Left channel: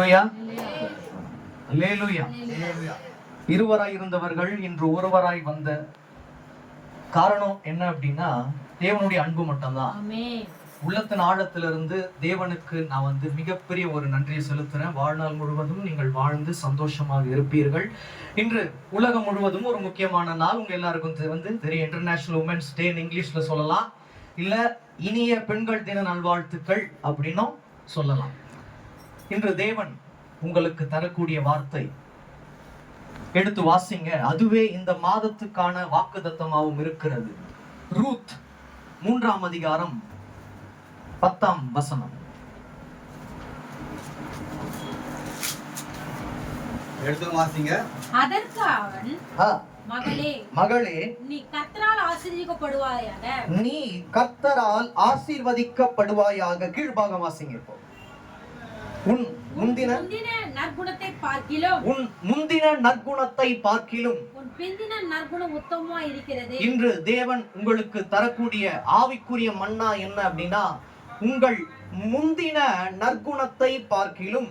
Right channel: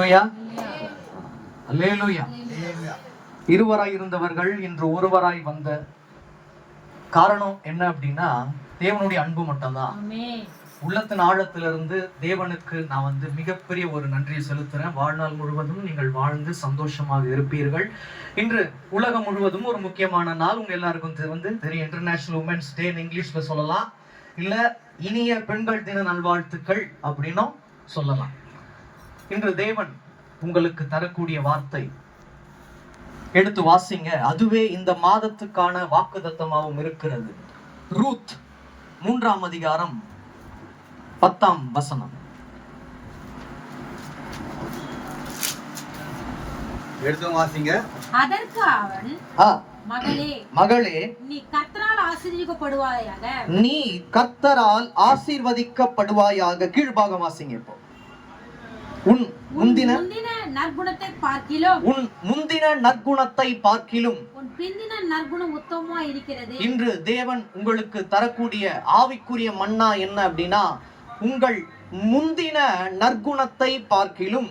அல்லேலூயா, அல்லேலூயா. இருவராய் இருந்தவர்கள் இன்று ஒருவராய் வந்த காரணம் என்ன அப்படின்னா தேவனுடைய அன்பு மட்டும்தான். உள்ளத்தின் ஆழத்திலிருந்து தேவனுக்கு நான் மிகப்பெரிய ஒரு நன்றியை செலுத்துறேன். வாழ்நாள் முழுவதும் நீங்கள் வாழ்ந்து சந்தோஷமாக இருப்பீர்கள். இன்று உலகம் முழுவதும் ஒரு முக்கியமான நாள். உங்க எல்லாருக்கும் தெரியும், இன்டர்நேஷனல் உமன்ஸ் டே இங்கிலீஷ்ல சொல்லலாம், இல்ல இனிய பெண்கள் தின நல்வாழ்த்துக்கள் அப்படின்னும் சொல்லலாம். இன்று தேவன் உங்களுக்கு தரக்கூடிய வார்த்தை எடுத்து வாசிங்க. அதுவே இந்த மாதத்துக்கான வாக்குத்தத்தமாகவும் இருக்கிறது. ரூத் 3ஆம் அதிகாரம் 10ஆம் வசனம். எடுத்து வாசிங்க. அதற்கு அவன், மகளே, மகளே, நீ கர்த்தரால் ஆசீர்வதிக்கப்படுவாயாக. நீ கர்த்தரால் ஆசீர்வதிக்கப்படுவாயாக. கீழ்பாகம் வாசிங்க. இப்போ உன் முந்தின நற்குணத்தை பார்க்கிலும் உன் பிந்தின நற்குணம் உத்தமமா இருக்கிறது. இன்று தேவன் உங்களுக்கு தரக்கூடிய ஆவிக்குரிய மன்னா என்ன அப்படின்னா, உங்கள் முந்தின நற்குணத்தை பார்க்கிலும்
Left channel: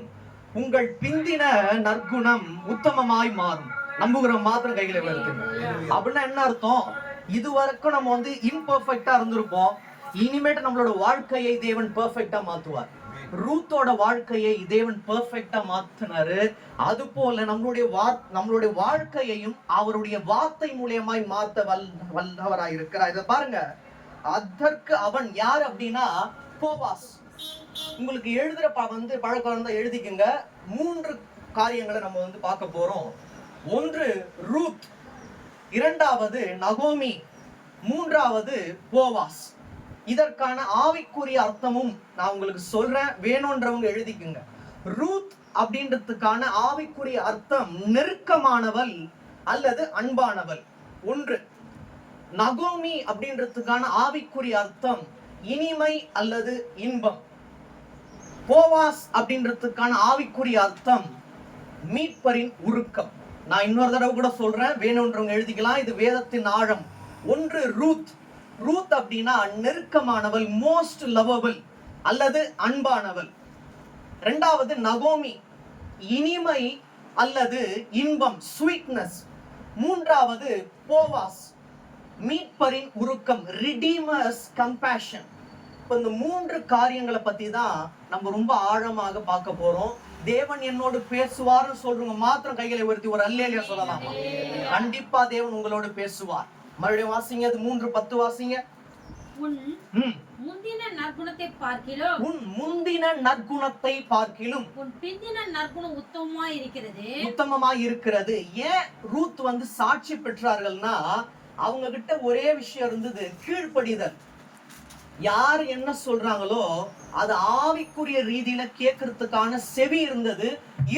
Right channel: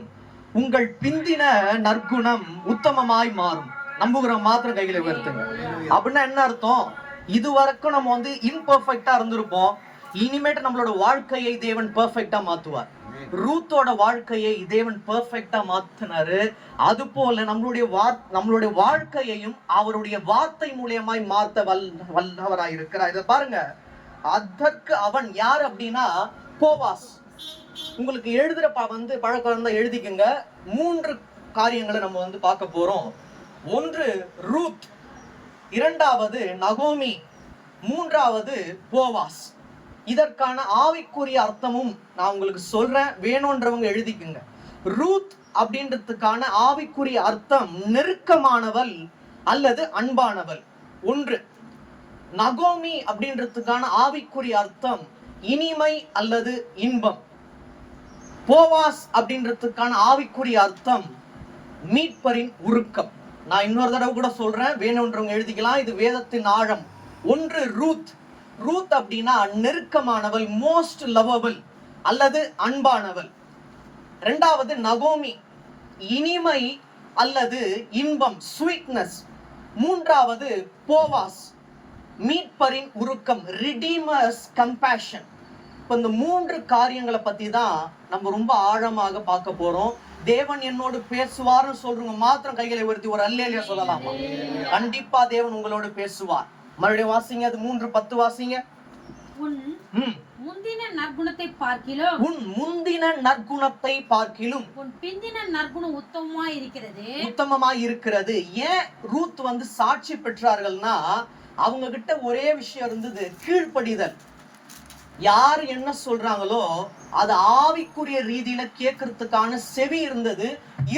உங்கள் பிந்தின நற்குணம் உத்தமமாய் மாறும். நம்புகிற மாத்திரம் கைகளை உயர்த்துங்க. அப்படின்னா என்ன அர்த்தம்? இதுவரைக்கும் நம்ம இம்பர்ஃபெக்டா இருந்திருப்போம். இனிமேட்டு நம்மளோட வாழ்க்கையை தேவன் பெர்ஃபெக்ட்டா மாத்துவார். ரூத்தோட வாழ்க்கையை தேவன் பெர்ஃபெக்ட்டா மாத்தினாரு. அது போல நம்மளுடைய வாழ்க்கையையும் அவருடைய வார்த்தை மூலியமாய் மாத்த வல்லவராய் இருக்கிறார். இத பாருங்க. அதற்கு அவன் யார் அப்படின்னா போவாஸ். உங்களுக்கு எழுதுற பழக்கம் இருந்தா எழுதிக்கங்க. 3 காரியங்களை நம்ம பார்க்க போறோம். 1 ரூத், 2வது நகோமி, 3வது போவாஸ். இதற்கான ஆவிக்குரிய அர்த்தமும் நான் உங்களுக்கு சொல்றேன், வேணும்ன்றவங்க எழுதிக்குங்க. ரூத் அப்படின்றதுக்கான ஆவிக்குரிய அர்த்தம் நெருக்கமானவள் அல்லது அன்பானவள். 1. நகோமி அப்படின்றதுக்கான ஆவிக்குரிய அர்த்தம் இனிமை அல்லது இன்பம். போவாஸ் அப்படின்றதுக்கான ஆவிக்குரிய அர்த்தம் மீட்பரின் உருக்கம். நான் இன்னொரு தடவை கூட சொல்றேன், வேணும்ன்றவங்க எழுதிக்கலாம். இது வேதத்தின் ஆழம். 1 ரூத். ரூத் அப்படின்னா நெருக்கமானவள், மோஸ்ட் லவபிள் அல்லது அன்பானவள். 2வது நகோமி, இனிமை அல்லது இன்பம், ஸ்வீட்னஸ். 3வது போவாஸ், மீட்பரின் உருக்கம், ரிடீமர்ஸ் கம்பேஷன். இப்போ இந்த 3 காரியங்களை பத்தி தான் நம்ம ரொம்ப ஆழமாக பார்க்க போறோம். தேவன் என்னோடு பேசுவார்னு சொல்றவங்க மாத்திரம் கைகளை உயர்த்தி ஒரு அல்லேலூயா சொல்லலாம். கண்டிப்பா தேவன் உங்களோடு பேசுவார். மறுபடியும் வாசிங்க. அது 3:10 வாசிங்க. உன் முந்தின நற்குணத்தை பார்க்கிலும் உன் பிந்தின நற்குணம் உத்தமமாய் இருக்கிறது. ஏன் ரூத் சாட்சி பெற்றார்கள்னா, அவங்க கிட்ட ஒரே விஷயம் இருந்தது, கீழ்ப்படிதல். யார் என்ன சொல்றாங்களோ அது ஆவிக்குரிய ரீதியில கேட்கறதுக்கான செவி இருந்தது,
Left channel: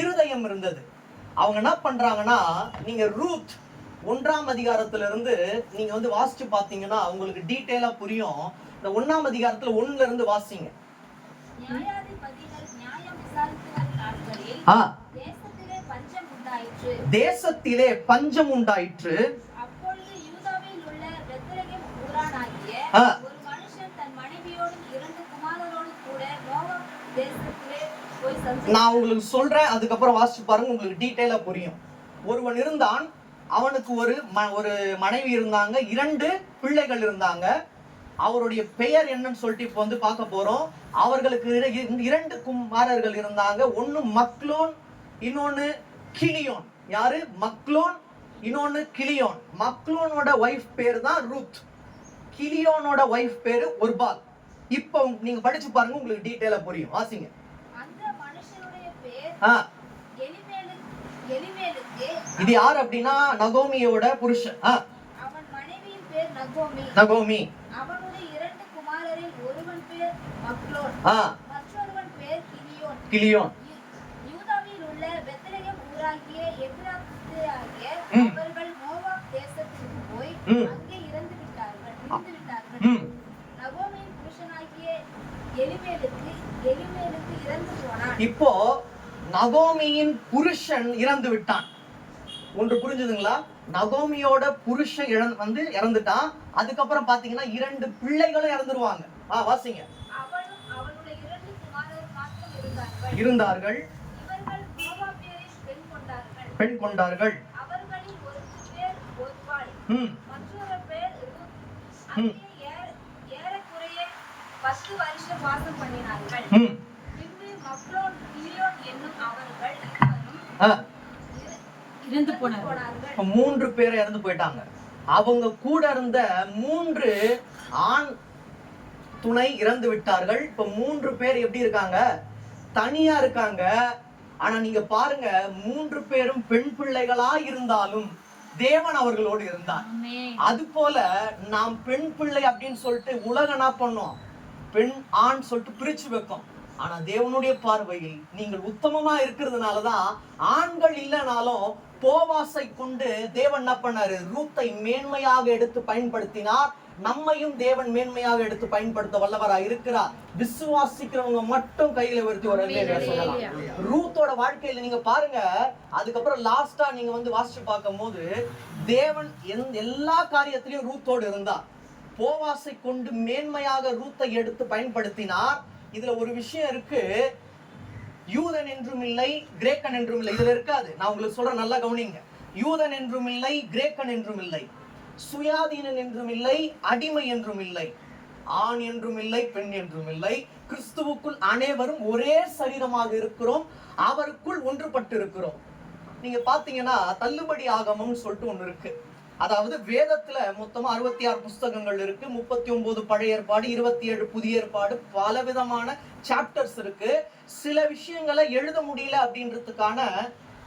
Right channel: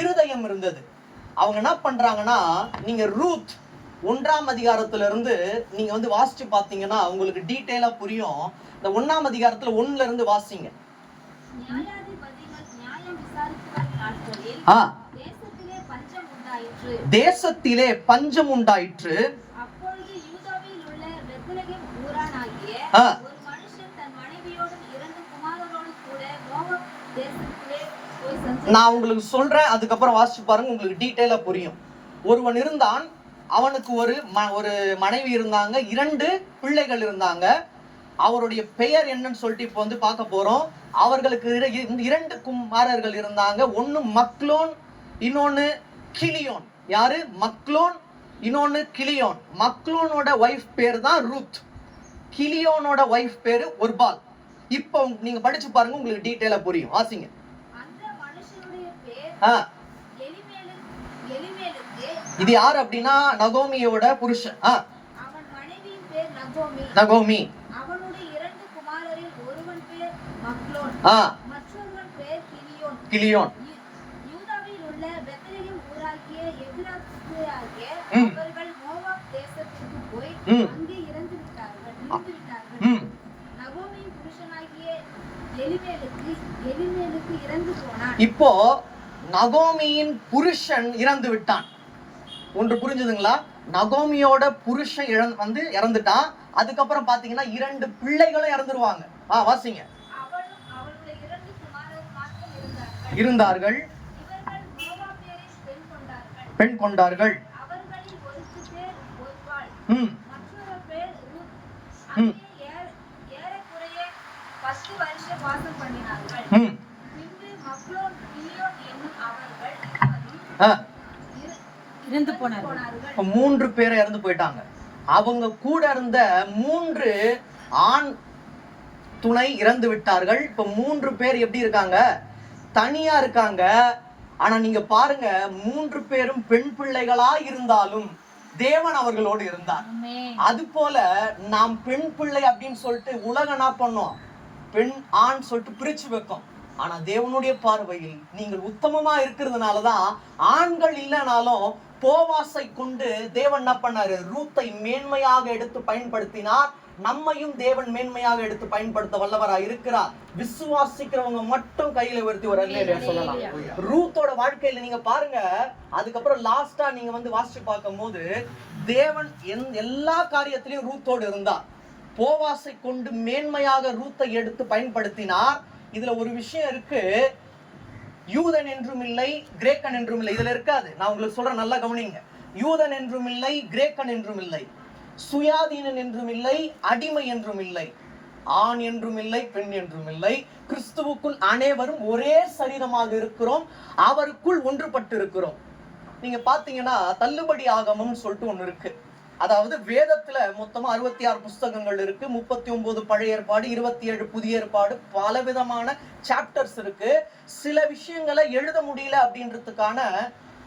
இருதயம் இருந்தது. அவங்க என்ன பண்றாங்கன்னா, நீங்க ரூத் 1ஆம் அதிகாரத்துல இருந்து நீங்க வாசிச்சு பாத்தீங்கன்னா உங்களுக்கு டீடைலா புரியும். இந்த 1ஆம் அதிகாரத்துல 1ல இருந்து வாசிங்க. தேசத்திலே பஞ்சம் உண்டாயிற்று. நான் உங்களுக்கு சொல்றேன், அதுக்கப்புறம் வாசிச்சு பாருங்க, உங்களுக்கு டீடைலா புரியும். ஒருவன் இருந்தான், அவனுக்கு ஒரு மனைவி இருந்தாங்க, 2 பிள்ளைகள் இருந்தாங்க. அவருடைய பெயர் என்னன்னு சொல்லிட்டு இப்போ பார்க்க போறோம். அவர்களுக்கு 2 குமாரர்கள் இருந்தாங்க. ஒன்னு மக்லோன், இன்னொன்னு கிளியோன். யாரு? மக்லோன், இன்னொன்னு கிளியோன். மக்லோனோட வைஃப் பேரு தான் ரூத். கிளியோனோட வைஃப் பேரு ஒர்பால். இப்போ நீங்க படிச்சு பாருங்க, உங்களுக்கு டீடைலா புரியும். வாசிங்க. இது யார் அப்படின்னா நகோமியோட புருஷன். அவன் மனைவியின் பேர் நகோமி. அவனுடைய 2 குமாரரில் ஒருவன் பேர் மக்லோன், மற்றொருவன் பேர் கிளியோன். யூதாவில் உள்ள பெத்லெகேம் ஊராகிய எகிப்தியராகிய அவர்கள் மோவாப் தேசத்திற்கு போய் அங்கே இறந்து விட்டார்கள். நகோமியின் புருஷனாகிய எலிமெலுக்கு இறந்து போனான். இப்போ நகோமியின் புருஷன் இறந்து விட்டான். ஒன்று புரிஞ்சுதுங்களா? நகோமியோட புருஷன் இறந்துட்டான். அதுக்கப்புறம் பாத்தீங்கன்னா 2 பிள்ளைகளும் இறந்துருவாங்க. வாசிங்க. அவளுடைய 2 குமாரர் மாத்திரம் இருந்தார்கள். பெண் கொண்டார்கள். அவர்களில் ஒரு பேர் ஒர்பாள், ம் மற்றொரு பேர் ரூத். ம். அங்கே ஏறக்குறைய 10 வருஷம் வாசம் பண்ணினார்கள். ம் பின்பு மக்லோன் கிலியோன் என்னும் அவர்கள் இருவரும் ஆ. இறந்து போனார்கள். இப்ப 3 பேரை இறந்து போயிட்டாங்க. அவங்க கூட இருந்த 3 ஆண் துணை இறந்து விட்டார்கள். இப்ப 3 பேர் எப்படி இருக்காங்க? தனியா இருக்காங்க. ஆனா நீங்க பாருங்க, 3 பேரும் பெண் பிள்ளைகளா இருந்தாலும் தேவன் அவர்களோடு இருந்தார். அது போல நாம் பெண் பிள்ளை அப்படின்னு சொல்லிட்டு உலகம் என்ன பண்ணோம்? பெண் ஆண் சொல்லிட்டு பிரிச்சு வைக்கும். ஆனா தேவனுடைய பார்வையில் நீங்கள் உத்தமமா இருக்கிறதுனாலதான் ஆண்கள் இல்லைனாலும் போவாசை கொண்டு தேவன் என்ன பண்ணாரு? ரூத்தை மேன்மையாக எடுத்து பயன்படுத்தினார். நம்மையும் தேவன் மேன்மையாக எடுத்து பயன்படுத்த வல்லவராய் இருக்கிறார். விசுவாசிக்கிறவங்க மட்டும் கையில உயர்த்தி ஒரு அல்லேலூயா சொல்லலாம். ரூத்தோட வாழ்க்கையில நீங்க பாருங்க, அதுக்கப்புறம் லாஸ்டா நீங்க வந்து வாசிச்சு பார்க்கும் போது தேவன் எல்லா காரியத்திலையும் ரூத்தோடு இருந்தார். போவாசை கொண்டு மேன்மையாக ரூத்தை எடுத்து பயன்படுத்தினார். இதுல ஒரு விஷயம் இருக்கு, யூதன் என்றும் இல்லை, கிரேக்கன் என்றும் இல்லை. இதுல இருக்காது. நான் உங்களுக்கு சொல்றேன், நல்லா கவனிங்க. யூதன் என்றும் இல்லை, கிரேக்கன் என்றும் இல்லை, சுயாதீனன் என்றும் இல்லை, அடிமை என்றும் இல்லை, ஆண் என்றும் இல்லை, பெண் என்றும் இல்லை. கிறிஸ்துவுக்குள் அனைவரும் ஒரே சரீரமாக இருக்கிறோம், அவருக்குள் ஒன்றுபட்டு இருக்கிறோம். நீங்க பாத்தீங்கன்னா தள்ளுபடி ஆகமம்னு சொல்லிட்டு ஒண்ணு இருக்கு. அதாவது வேதத்துல மொத்தமா 66 புஸ்தகங்கள் இருக்கு. 39 பழைய ஏற்பாடு, 27 புதிய ஏற்பாடு, பல விதமான சாப்டர்ஸ் இருக்கு. சில விஷயங்களை எழுத முடியல அப்படின்றதுக்கான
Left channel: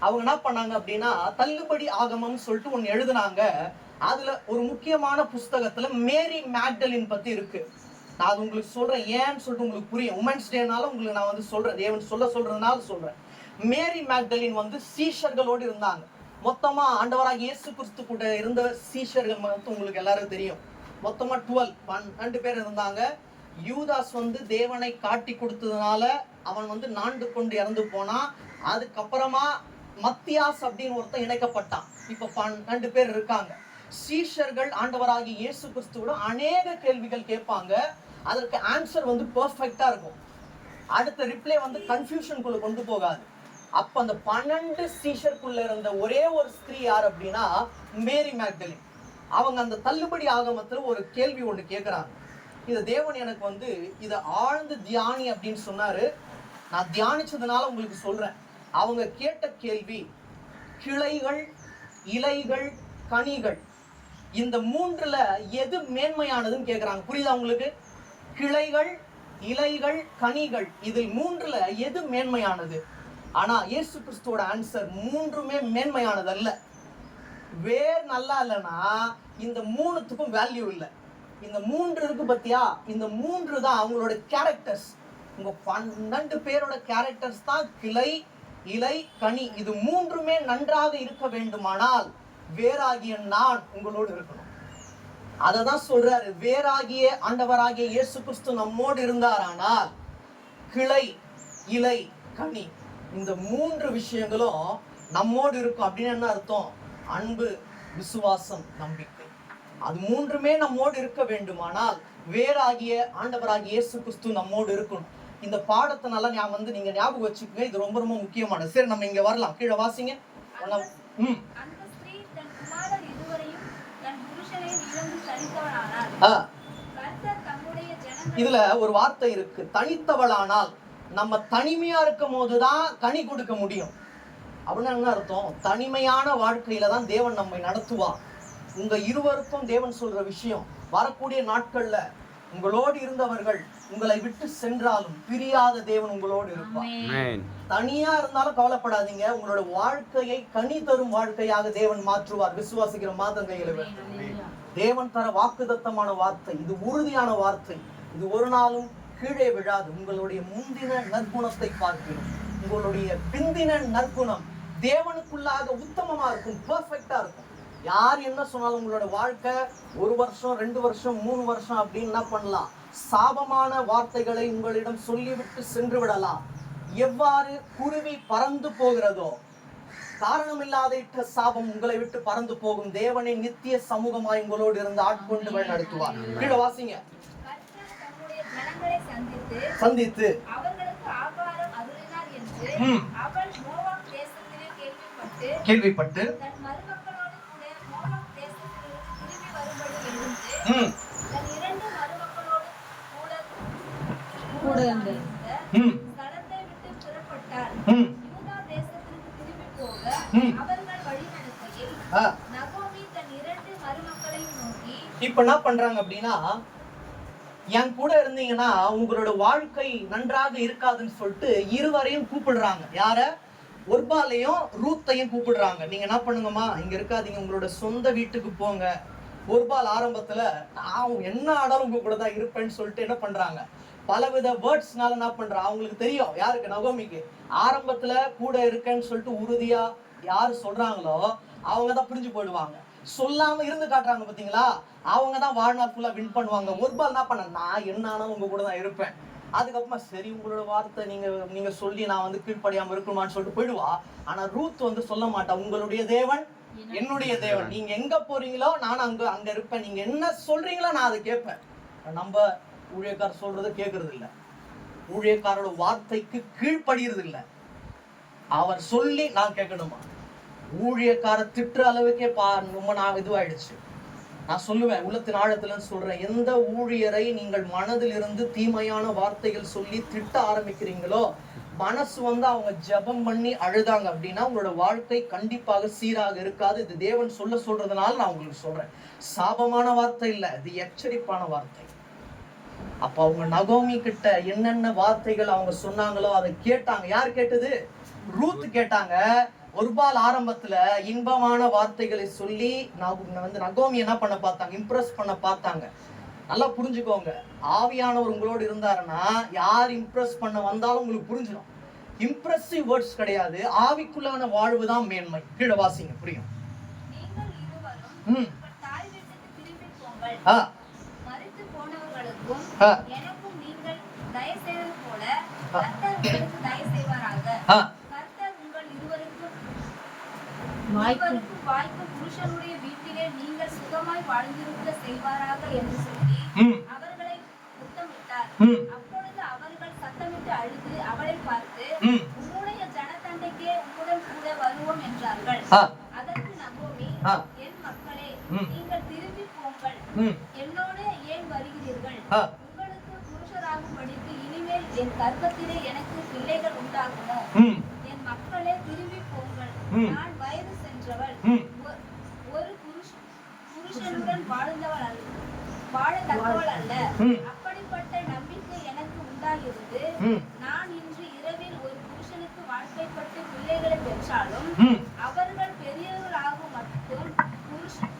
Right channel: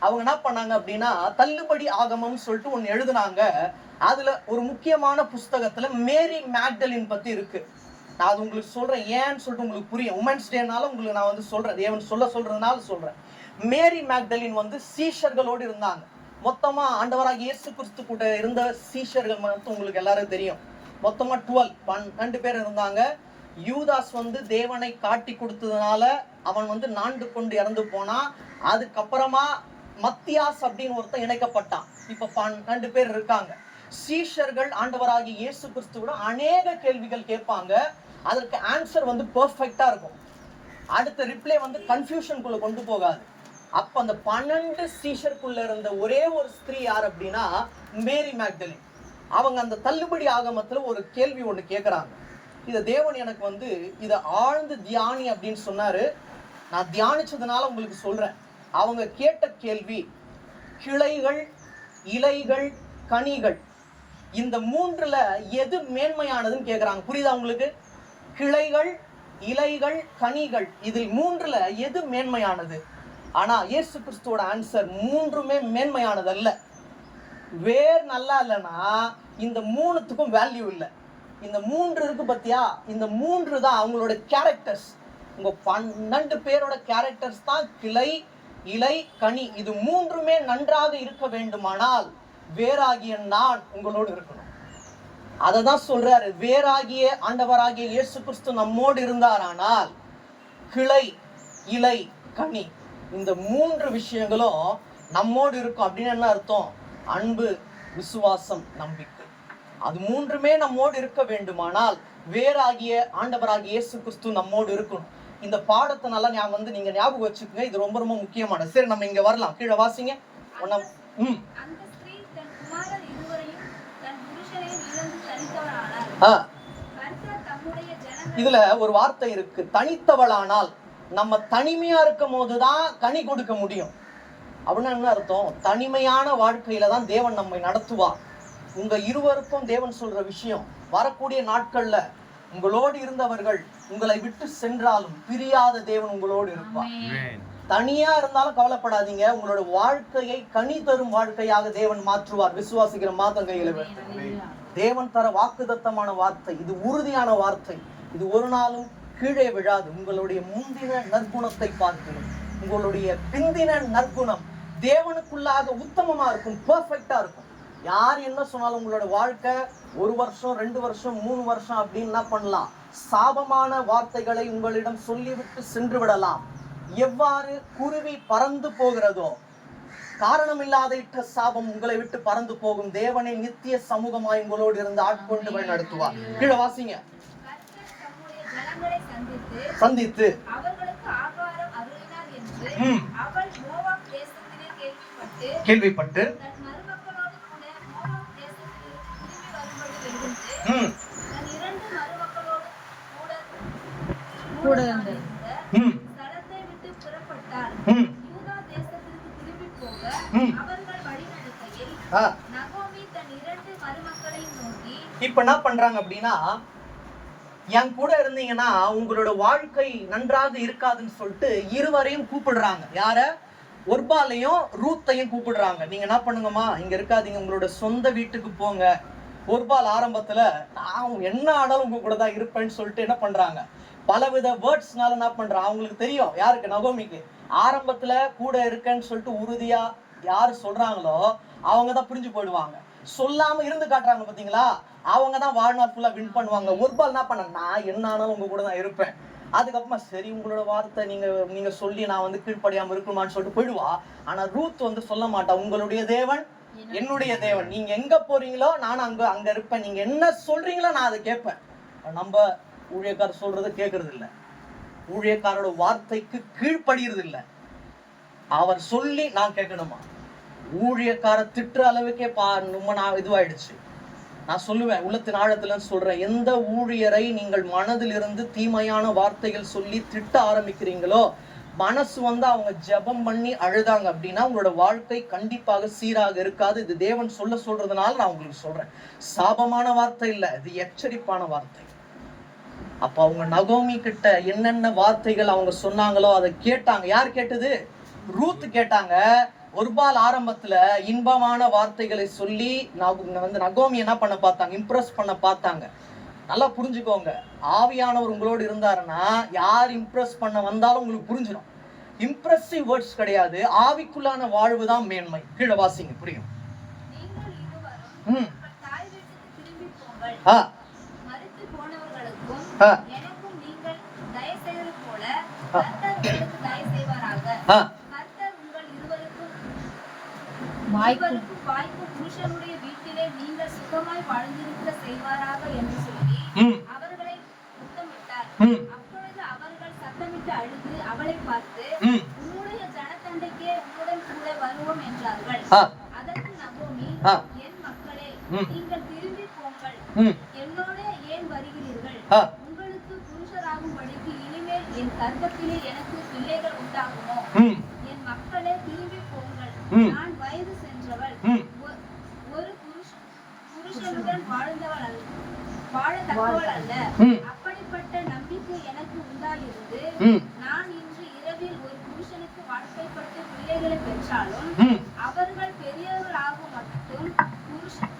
அவங்க என்ன பண்ணாங்க அப்படின்னா தள்ளுபடி ஆகமம் சொல்லிட்டு ஒண்ணு எழுதுனாங்க. அதுல ஒரு முக்கியமான புஸ்தகத்துல மேரி மேக்டலின் பத்தி இருக்கு. நான் அது உங்களுக்கு சொல்றேன், ஏன்னு சொல்லிட்டு உங்களுக்கு புரியும். உமன்ஸ் டேனால உங்களுக்கு நான் வந்து சொல்றேன், தேவன் சொல்றதுனால சொல்றேன். மேரி மேக்டலின் வந்து சீஷர்களோடு இருந்தாங்க. மொத்தமா ஆண்டவராக இயேசு கிறிஸ்து கூட இருந்த சீஷர்கள் மட்டும் உங்களுக்கு எல்லாரும் தெரியும். மொத்தமா 12 பேர் இருந்தாங்க. யூதாஸ் வந்து தேவனை காட்டி கொடுத்ததுனால அவன் வந்து நாண்டு கொண்டு இறந்து போனான். அதுக்கப்புறமா மத்தியாஸ் அப்படின்னு ஒருத்தன் இணைக்கப்பட்டான். இப்ப 12 பேர் இருக்காங்க. சீஷர்கள் ஆண்டவராகி இயேசு கிறிஸ்து கூட அநேக கேள்விகள் கேட்பாங்க. அதற்கு ஆன்சர் வந்து பெர்ஃபெக்ட்டா இருக்கும். அடுத்த ரிப்ளை வந்து கன்ஃபியூஷனுக்குள்ள கொண்டு போகாது. அப்ப அந்த 12 சீஷருக்குள்ள இருந்த ஒரே ஒரு ஸ்திரீ யார் அப்படின்னா மேரி மேக்டலின். அவங்க அந்த தள்ளுபடி ஆகமத்துல ஒரு கேள்வி ஒண்ணு கேட்கறாங்க. இத தேவன் எனக்கு வந்து இத ஆழ்ந்து தியானி அப்படின்னு சொன்னாரு. நான் தியானிச்சதுனால உங்களுக்கு சொல்றேன். அவங்க கேட்ட கேள்வி, கிளைகள், இலைகள், கனிகள், இந்த 3ல எது மேன்மையானதுன்னு கேக்குறாங்க. புரியுதா உங்களுக்கு? கிளைகள், இலைகள், கனிகள், இதில் 3ல எது மேன்மையானது? ஆனா இயேசு கிறிஸ்துவோட ஆன்சர் 3மே மேன்மையானது அல்ல. வேர் நல்லா இல்லைன்னா இந்த 3த்துக்கும் வேல்யூ இல்லை. இந்த 3 இருக்கு பத்தியா, இந்த 3 தான் அவங்களோட கேரக்டர்ஸ். உங்க 12 பேரோட கேரக்டர்ஸ் தான் கிளை, இலை, கனி. இது 3மே நன்றாக இருக்க வேண்டுமானால் வேறாகிய நான் உங்களோடு இருக்கணும். அததான் சொல்றாரு, வேறாகிய ஆண்டவராகிய இயேசு கிறிஸ்து நம்மோடு இருந்தாரானால் கிளை, இலை, கனி, இந்த 3 விஷயங்களும் நம்மோடு இருக்கும். அப்படின்னு என்ன அர்த்தம்? அன்பு, விசுவாசம், நம்பிக்கை. அது 3மே நம்மோடு இருக்க வேண்டுமானால் வேறாகிய ஆண்டவராகிய இயேசு கிறிஸ்து நம்மோடு இருக்கணும். இந்த பாடத்தை நல்லா நீங்க ஞாபகம் வச்சுக்கோங்க. இது ரொம்ப ரொம்ப முக்கியமானது. சரி, நம்ம இங்க வரலாம். கீழே வாசிங்க. இதுல ஒரு வார்த்தை இருக்கு, தனித்தவளானால். நம்ம தனிமையா இருக்கும் போதுதான் கனி கொடுக்க முடியும். அப்படின்னா என்ன அர்த்தம்? தனிமையான வாழ்க்கையில தான் தேவன் நம்மை நடத்துவார். உங்க இருவருக்கும் தேவன் சொல்ற விஷயம், வரக்கூடிய நாட்கள்ல உங்களோடு இருந்தவர்கள் உங்களை விட்டு சென்றாலும் பிரியாத தேவன் உங்களோடு இருப்பார். தனியா இருந்தாலும் கவலைப்படாதீங்க, உங்களோட வாழ்க்கையை கனி தரும் வாழ்க்கையாக தேவன் மாற்றுவார். விசுவாசிக்கிற மாதம் கையில தேவன் தர வாக்குதத்தமான வார்த்தை, இது உறுதியான வார்த்தை. இது ஒரு நாளும் கீழே விழாது. உங்களுடைய முந்தின நற்குணத்தை பார்க்கணும், உங்களுடைய பிந்தின நற்குணம் தேவனுக்குள்ளாக உத்தமமா இருக்கும், பெர்ஃபெக்ட்டா இருக்கும். யார் என்ன சொன்னாலும் உங்களோட வாழ்க்கை 1 வருஷம் 2 வருஷம் 3 வருஷம் அப்படின்னு என்ன பண்ணலாம்? சாபமான வார்த்தைகளை உங்களிடம் சொல்லிவிட்டு சென்று விடலாம். எவ்வாறு குருவி பறந்து போகிறதோ, காரணமில்லாத இட்ட சாபம் உங்களை விட்டு பறந்து போகும். தேவனை நித்திய சமூகமாய் உங்களோடு இருந்து ஆட்கொண்டு வழி நடத்துவார். கீழே வாசிங்க. சந்தித்து அவர்களுக்கு ஆகாரம் அருளினார் என்று அவள் மோவாப் தேசத்திலே கேள்விப்பட்டு கேள்விப்பட்டு தன் மருமக்களோடு கூட மூலம் தேசத்தில் திரும்பி வரும்படி இருந்து ம் தன் இரண்டு மருமக்களோடு கூட இருந்த ம் ஸ்தலத்தை விட்டு புறப்பட்டார். ம் யூதா தேசத்திற்கு திரும்பி போக ம். அவர்கள் வழிநடத்தையில் ஆ நகோமி தன் இரண்டு மருமக்களையும் நோக்கி, இப்ப என்ன பண்றாங்க அப்படின்னா, என் கூட இருந்தீங்கன்னா உங்களோட வாழ்க்கை நன்றாக இருக்காதுன்னு சொல்லிட்டு இருவரையும் கூப்பிடுறாங்க. யார? ஒர்பாலையும் ரூத்தையும் கூப்பிடுறாங்க. நீங்க என்ன பண்ணுங்கம்மா, இங்க இருக்காதீங்க, உங்களோட சொந்த வீட்டுக்கு போங்க. ஒர்பால் ஆரம்பத்துல நான் என்ன ஆனாலும் உங்க கூட தான் இருப்பேன்னு சொல்லிட்டு என்ன பண்றாங்க, பலவித வேர்ட்ஸ்னால என்ன பண்றாங்க, அவங்களுக்கு தெரியும் யாருக்கு, நகோமிக்கு. ஆரம்பத்துல கூட இருக்கேன்னு சொல்லிட்டு உறுதியா யாரு சொல்றாங்களோ அவங்க தான் புரிஞ்சு போயிடுவாங்க. சொல்லாம இருந்து காட்டுறாங்க பாத்தீங்களா, அவங்க தான் வாழ்நாள் ஃபுல்லா வின் பண்ணுவாங்க. ஒர்பால் என்ன பண்ண, நான் என்ன ஆனாலும் உங்க கூட தான் இருப்பேன். அதுக்கப்புறமா சரி உங்களோட வார்த்தை நீங்க சொல்லி நான் வந்து கீழ்ப்படியாம இருக்கணுமான்னு சொல்லிட்டு போயிடுவா. ஆனா ரூத் வந்து சொல்ல மாட்டா, உங்களுடைய தேவன் என்னுடைய தேவன், நீங்க எங்க போறீங்களோ நான் அங்க இருப்பேன், நீங்க என்ன சொல்றீங்களோ நான் அதை கேட்பேன். நம்ம ஊழியக்காரர் சொல்றதை கேட்கறது இல்ல, ஊழியக்காரோட வார்த்தைக்கு கீழ்ப்படியறது இல்ல. அவர் சொல்லி நான் கேட்கணுமா? ஊழியக்கார திட்டுற அளவுக்கே ரொம்ப நான் இதுவாயிடுச்சு. நான் சொல்லுவேன், உள்ளத்தின் ஆழத்துல சொல்றேன், எந்த ஊழியரை நீங்கள் மனதில் இருந்து தீமையான வார்த்தைகள் சொல்லி திட்ட ஆரம்பிக்கிறீங்களோ, மனசு வந்து அவங்க ஜெபம் பண்ணி அழுதாங்க அப்படின்னா உங்களோட வாழ்க்கை கண்டிப்பாக சீராக இருக்காது. இது தேவன் சொல்றதுனால நான் உங்களுக்கு சொல்றேன். சாபமான வார்த்தை இல்ல, இது எச்சரிப்பான வார்த்தை. அப்ப அவங்க நகோமி கிட்ட என்னென்ன வார்த்தைகள் அவங்க சொன்னாங்களோ அதை கேட்டாங்க. யார் கேட்டது? ரூத் கேட்டாங்க. ஒர்பால் ஆரம்பத்துல இன்பமான வார்த்தைகளை சொல்லி வந்து நகோமி என்ன பண்ண பார்த்தாங்க, இம்ப்ரெஸ் பண்ண பார்த்தாங்க. நல்லா புரிஞ்சுக்கோங்க, ஆவியானவர் உங்களோடு இருந்தாருன்னா யார் இம்ப்ரெஸ் பண்ண வந்தாலும் உங்களுக்கு புரிஞ்சிடும். இம்ப்ரெசிவ் வேர்ட்ஸ் கிடையாது, ஆவிக்குள்ளான வாழ்வு தான் மேன்மை. கீழே வாசிங்க, புரியும். நீங்கள் இருவரும் ம் தாய் வீட்டுக்கு திரும்பி போங்கள். ஆ மரித்து போனவர்களுக்கும் ஆ எனக்கும் நீங்கள் தயவு செய்வது போல கர்த்தர் உங்களுக்கு தயவு செய்வாராக. ஆ கர்த்தர் உங்கள் இருவருக்கும் வாய்க்கும் வாய்க்கும் புருஷனுடைய வீட்டிலே நீங்கள் சுகமாய் வாழ்ந்திருக்க செய்வாராக என்று சொல்லி ம் அவர்களை முத்தமிட்டார். ம் அப்பொழுது அவர்கள் சத்தமிட்டு அழுது அவளை பார்த்து, ம் உம்முடைய ஜனத்தண்டைக்கே உம்முடன் கூட வருவோம் என்றார்கள். ஆ அதற்கு நகோமி, ஆ என் மக்களே, ம் நீங்கள் திரும்பி போங்கள். ம் என்னோட ஏன் வருகிறீர்கள்? ஆ உங்களுக்கு புருஷராகும்படிக்கு இனிமேல் என் கர்ப்பத்திலே எனக்கு பிள்ளைகள் உண்டாகுமோ? ம் என் மக்களே, திரும்பி போங்கள். ம். நான் வயது சென்றவள், ம் ஒரு புருஷனுடன் வாழத்தக்கவள் அல்ல. ம் அப்படிப்பட்ட நம்பிக்கை எனக்கு உண்டாயிருந்து ம் நான் இன்று இரவில் ஒரு புருஷனுக்கு வாழ்க்கைப்பட்டு பிள்ளைகளை பெற்றாலும் ம் அவர்கள் பெரியவர்கள் ஆகும் மட்டும்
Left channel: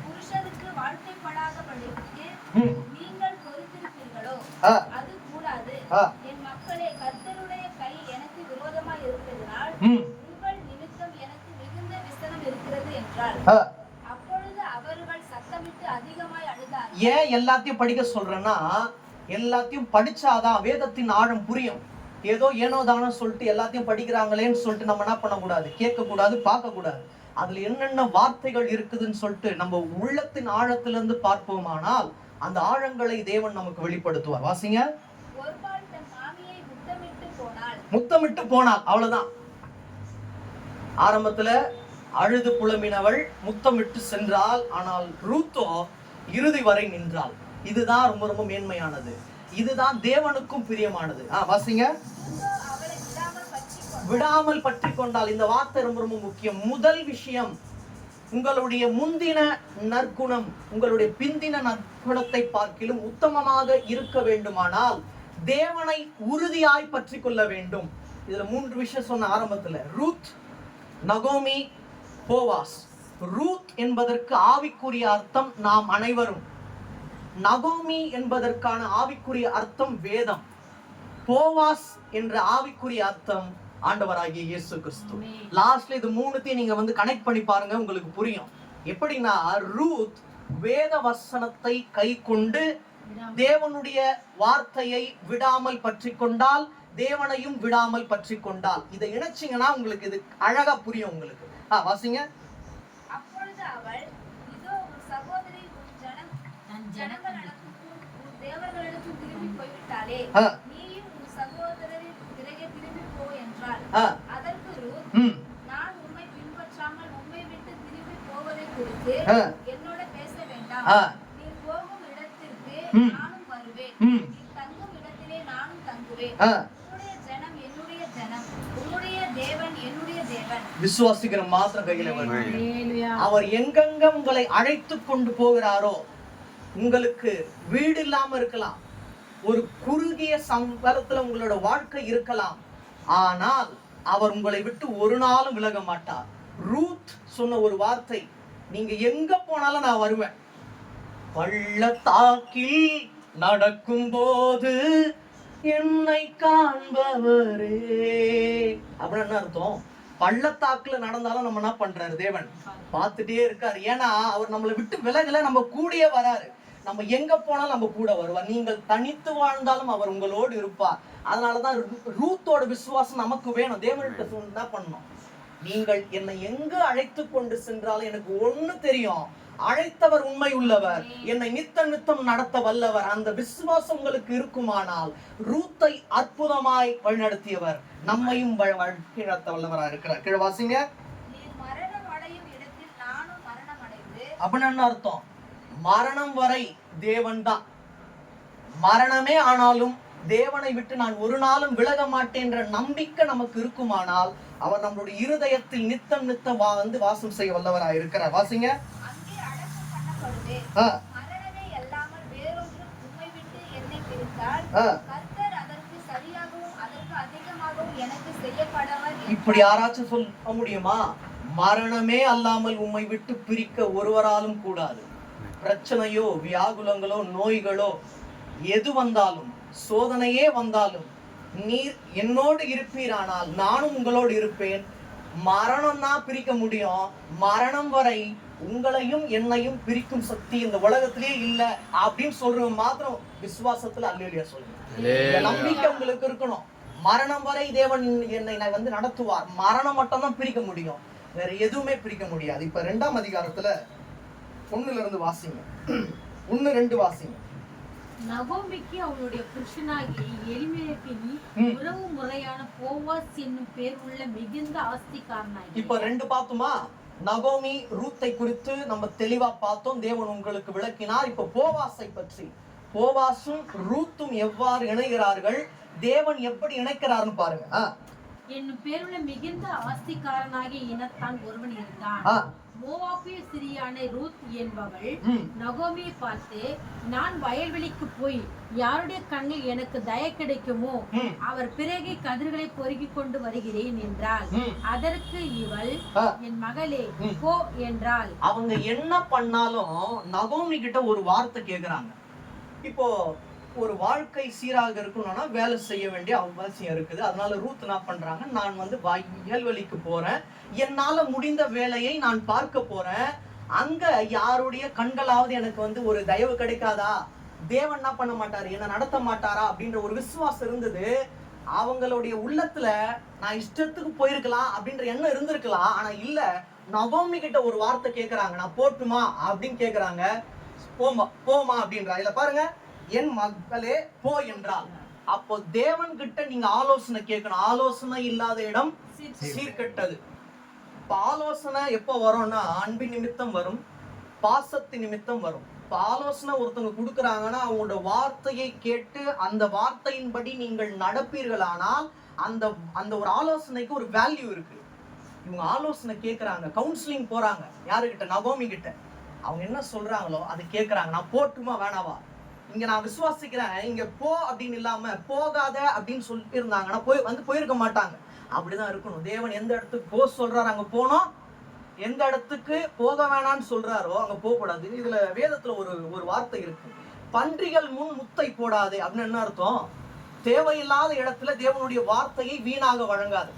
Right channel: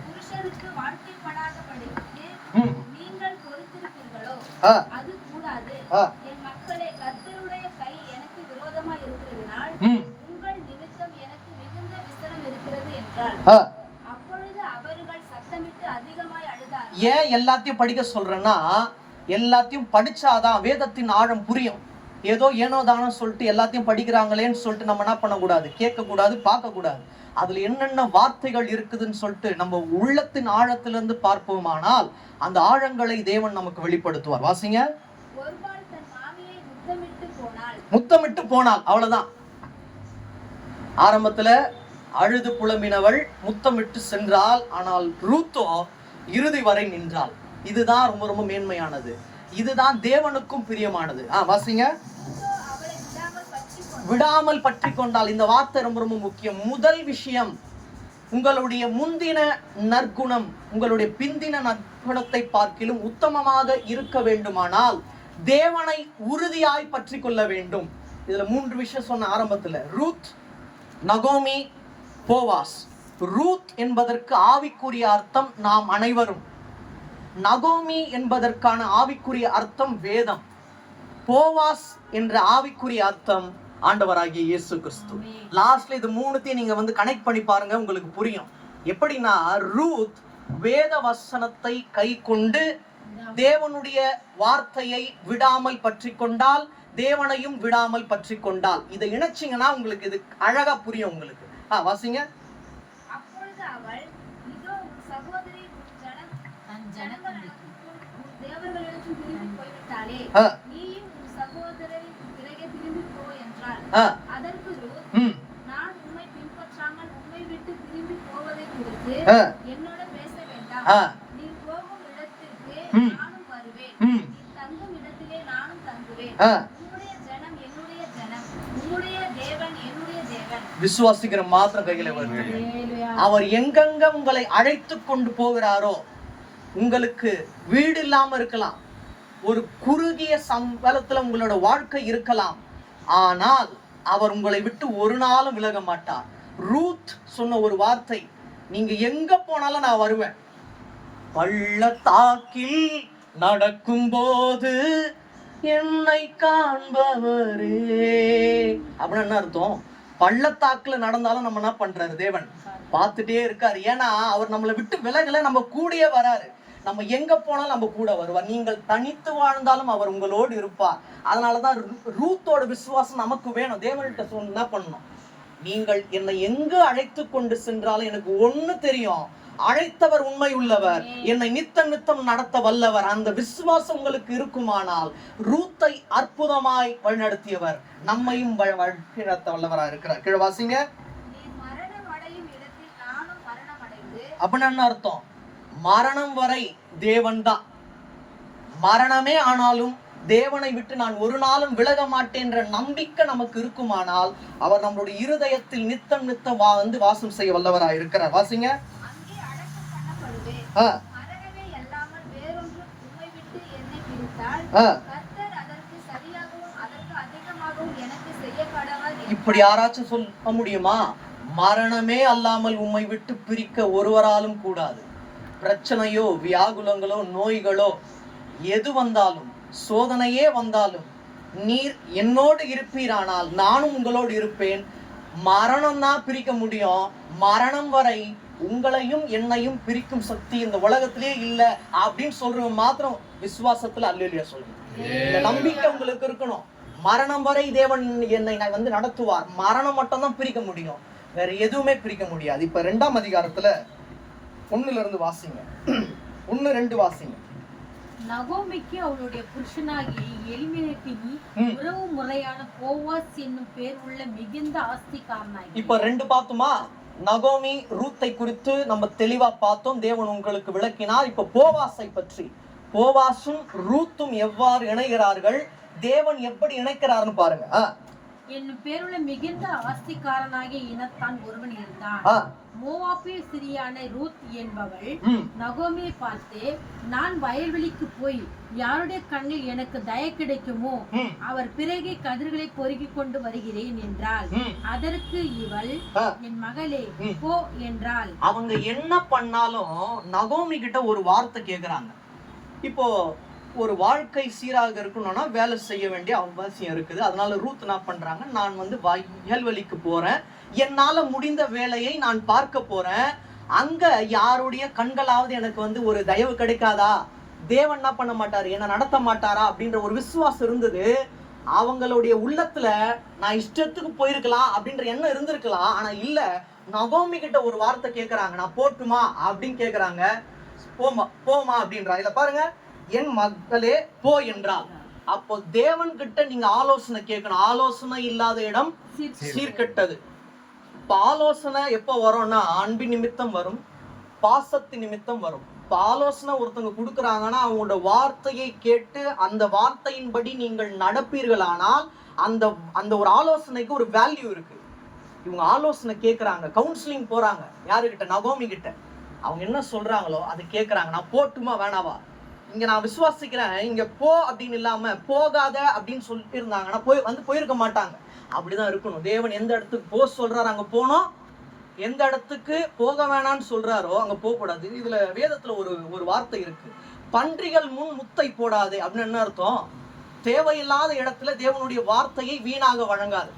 புருஷனுக்கு வாழ்க்கைப்படாதபடிக்கு ம் நீங்கள் பொறுத்திருப்பீர்களோ? ஆ அது கூடாது. ஆ என் மக்களே, கர்த்தருடைய கை எனக்கு விரோதமாய் இருக்கிறதினால் ம் உங்கள் நிமித்தம் எனக்கு மிகுந்த விசனம் இருக்கிறது என்றார். ஆ அப்பொழுது அவர்கள் சத்தமிட்டு அதிகமாய் அழுதார். ஏன் எல்லாத்தையும் படிக்க சொல்றேன்னா, எல்லாத்தையும் படிச்சாதான் வேதத்தின் ஆழம் புரியும். ஏதோ ஏனோ தானோ சொல்லிட்டு எல்லாத்தையும் படிக்கிறாங்களேன்னு சொல்லிட்டு நம்ம என்ன பண்ணக்கூடாது, கேட்கக்கூடாது, பார்க்கக்கூடாது. அதுல என்னென்ன வார்த்தைகள் இருக்குதுன்னு சொல்லிட்டு நம்ம உள்ளத்தின் ஆழத்திலிருந்து பார்ப்போமானால் அந்த ஆழங்களை தேவன் நமக்கு வெளிப்படுத்துவார். வாசிங்க. ஒருபால் தன் மாமியை முத்தமிட்டு போனாள், அவ்வளவுதான். ஆரம்பத்துல அழுது புலம்பினவள் முத்தமிட்டு சென்றாள். ஆனால் ரூத்தோ இறுதி வரை நின்றாள். இதுதான் ரொம்ப ரொம்ப மேன்மையானது. இதுதான் தேவனுக்கும் பிரியமானது. வாசிங்க. விடாமல் பற்றி கொண்டால். இந்த வார்த்தை ரொம்ப ரொம்ப முக்கியம். முதல் விஷயம், உங்களுடைய முந்தின நற்குணம் உங்களுடைய பிந்தின நற்குணத்தை பார்க்கிலும் உத்தமமாக இருக்க வேண்டுமானால் தேவனை உறுதியாய் பற்றி கொள்ள வேண்டும். இதுல 3 விஷயம் சொன்ன ஆரம்பத்துல. ரூத், நகோமி, போவாஸ். ரூத் என்பதற்கு ஆவிக்குரிய அர்த்தம் நாம் அனைவரும். நகோமி என்பதற்கான ஆவிக்குரிய அர்த்தம் வேதம். போவாஸ் என்ற ஆவிக்குரிய அர்த்தம் ஆண்டவராகிய இயேசு கிறிஸ்து. லாஸ்ட்ல இது 3த்தையும் நீங்க கனெக்ட் பண்ணி பாருங்க, உங்களுக்கு புரியும். எப்படின்னா, ரூத் வேத வசனத்தை கை கொண்டு தேவனுடைய வார்த்தையை விடாமல் பற்றி கொண்டால், தேவனையும் விடாமல் பற்றி கொண்டால். இதை இணைச்சிங்கன்னா உங்களுக்கு இது அழகா புரியும் உங்களுக்கு. வாசிங்க. அப்பொழுது அவள், இதோ உன் சகோதரி தன் ஜனங்களுக்கும் தேவர்களுக்கும் திரும்பி போய்விட்டாளே, நீயும் உன் சகோதரரின் பிறகே திரும்பி போ என்றாள். அதற்கு ரூத், நான் உம்மை பின்பற்றாமல் உம்மை என்னோட பேச வேண்டாம். நீ போகும் இடத்திற்கு நானும் வருவேன். நீ தங்கும் இடத்திலே நானும் தங்குவேன். உன்னுடைய ஜனம் என்னுடைய ஜனம், உன்னுடைய தேவன் என்னுடைய தேவன். விசுவாசிக்கிற மாத்திரம் கையில அவர் எங்கெங்க உங்களை அழைத்து கொண்டு போகிறாரோ, உங்களுக்கு வீடு இல்லாம இருக்கலாம், ஒரு குறுகிய சம்பளத்துல உங்களோட வாழ்க்கை இருக்கலாம், ஆனால் அவர் உங்களை விட்டு ஒரு நாளும் விலக மாட்டார். ரூத் சொன்ன ஒரு வார்த்தை, நீங்க எங்க போனாலும் நான் வருவேன். பள்ளத்தாக்கில் நடக்கும் போது என்னை காண்பவரே அப்படின்னு என்ன அர்த்தம்? பள்ளத்தாக்குல நடந்தாலும் நம்ம என்ன பண்றாரு? தேவன் பார்த்துட்டே இருக்காரு. ஏன்னா அவர் நம்மளை விட்டு விலகல, நம்ம கூடயே வராரு. நம்ம எங்க போனாலும் நம்ம கூட வருவார். நீங்கள் தனித்து வாழ்ந்தாலும் அவர் உங்களோடு இருப்பார். அதனாலதான் ரூத்தோட விசுவாசம் நமக்கு வேணும். தேவன்கிட்ட என்ன பண்ணணும்? நீங்கள் என்னை எங்க அழைத்து கொண்டு சென்றாலும் எனக்கு ஒண்ணு தெரியும், அழைத்தவர் உண்மை உள்ளவர், என்னை நித்தம் நடத்த வல்லவர். அந்த விசுவாசம் உங்களுக்கு இருக்குமானால் ரூத்தை அற்புதமாய் வழிநடத்தியவர் நம்மையும் வழிநடத்த வல்லவரா இருக்கிறார். கீழே வாசிங்க. அப்படின்னு என்ன அர்த்தம்? மரணம் வரை தேவன் தான். மரணமே ஆனாலும் தேவனை விட்டு நான் ஒரு நாளும் விலக மாட்டேன் என்ற நம்பிக்கை நமக்கு இருக்குமானால் அவர் நம்மளுடைய இருதயத்தில் நித்தம் வந்து வாசம் செய்ய வல்லவரா இருக்கிறார். வாசிங்க. இப்படி யாராச்சும் சொல்ல முடியுமா? மரணமே அல்லாமல் உம்மை விட்டு பிரிக்க ஒருவராலும் கூடாது. பிரச்சனையோ வியாகுலங்களோ நோய்களோ எது வந்தாலும், சோதனையே வந்தாலும், நீர் என்னோடு இருப்பீரானால் நானும் உங்களோடு இருப்பேன். மரணம் தான் பிரிக்க முடியும், மரணம் வரை உங்களையும் என்னையும் பிரிக்கும் சக்தி இந்த உலகத்திலேயே இல்ல அப்படின்னு சொல்ற மாத்திரம் விசுவாசத்துல அல்லேலூயா சொல்லுங்க. நம்பிக்கை உங்களுக்கு இருக்கணும். மரணம் வரை தேவன் என்னை வந்து நடத்துவார். மரணம் மட்டும் தான் பிரிக்க முடியும், வேற எதுவுமே பிரிக்க முடியாது. இப்ப 2ஆம் அதிகாரத்துல 1ல இருந்து வாசிங்க. 1-2 வாசிங்க. நகோமிக்கு அவளுடைய புருஷனாகிய எலிமெலேக்கின் உறவு முறையான போவாஸ் என்னும் பேர் உள்ள மிகுந்த ஆஸ்திக்காரனாகி. இப்ப 2 பார்த்தோமா? நகோமி ரூத்தை குறித்து நம்ம தெளிவா பார்த்தோம், தேவன் உங்களுக்கு விளக்கினார். இப்ப போவாசை பற்றி, போவாசும் ரூத்தும் எவ்வாறு இணைகிறார்கள், தேவன் எப்படி இணைக்கிறார்னு பாருங்க. என்னும் பேருள்ள மிகுந்த ஆஸ்திக்காரனாகிய இனத்தான் ஒருவன் இருந்தான். மோவாபிய சிறியான ரூத் என்பவள் நகோமியை பார்த்து, நான் வயல்வெளிக்கு போய் யாருடைய கண்ணில் எனக்கு தயை கிடைக்குமோ அவர் பிறகு கதிர்களை பொறுக்கி கொண்டு வருகிறேன் என்றாள். அதற்கு இவள், என் மகளே போ என்றாள். அவங்க என்ன பண்ணாலும் நகோமி கிட்ட ஒரு வார்த்தை கேக்குறாங்க. இப்போ ஒரு வாழ்க்கை சீராக இருக்கணும்னா வேலை செய்ய வேண்டிய அவசியம் இருக்குது. அதனால ரூத் என்ன பண்றாங்க, நான் வந்து வயல்வெளிக்கு போறேன், என்னால முடிந்த வேலையை நான் பார்க்க போறேன், அங்க யாருடைய கண்களாவது எனக்கு வந்து ஒரு தயவு கிடைக்காதா, தேவன் என்ன பண்ண மாட்டாரு, என்ன நடத்த மாட்டாரா அப்படின்ற ஒரு விசுவாசம் இருந்தது அவங்களுடைய உள்ளத்துல. நான் இஷ்டத்துக்கு போயிருக்கலாம் அப்படின்ற எண்ணம் இருந்திருக்கலாம், ஆனா இல்ல, நகோமி கிட்ட ஒரு வார்த்தை கேக்குறாங்க, நான் போட்டுமா அப்படின்னு கேக்குறாங்க. போமா அப்படின்றா. இல்ல பாருங்க, என் மகளே போ என்றால். அப்போ தேவன் கிட்ட நீங்க ஆலோசனை கேட்கணும். ஆலோசனை இல்லாத இடம் சீர்கெட்டது. இப்ப ஆலோசனை எப்ப வரும்னா அன்பின் நிமித்தம் வரும், பாசத்தின் நிமித்தம் வரும். இப்ப ஆலோசனை ஒருத்தவங்க கொடுக்குறாங்கன்னா அவங்களோட வார்த்தையை கேட்டு அந்த வார்த்தையின்படி நீங்கள் நடப்பீர்களானால் அந்த அந்த ஒரு ஆலோசனைக்கு ஒரு வேல்யூ இருக்கு. இவங்க ஆலோசனை கேட்கறாங்க, கவுன்சிலிங் போறாங்க, யாருக்கிட்ட? நகோமி கிட்ட. அவங்க என்ன சொல்றாங்களோ அது கேட்கறாங்க. நான் போட்டுமா வேணாவா, இங்க நான் விசுவாசிக்கிறேன், இங்க போ அப்படின்னு இல்லாம போகாத அப்படின்னு சொல்லிட்டு இருந்தாங்கன்னா போயிருக்க மாட்டாங்க. அப்படிதான் இருக்கணும். தேவன் எந்த இடத்துக்கு போ சொல்றாரு அங்க போனோம், எந்த இடத்துக்கு போக வேணாம்னு சொல்றாரோ அங்க போக கூடாது. இதுல வேதத்துல ஒரு வார்த்தை இருக்கு, பன்றிகள் முன் முத்தை போடாது அப்படின்னு. என்ன அர்த்தம்? தேவையில்லாத இடத்துல தேவனுடைய வார்த்தையை வீணாக வழங்காது.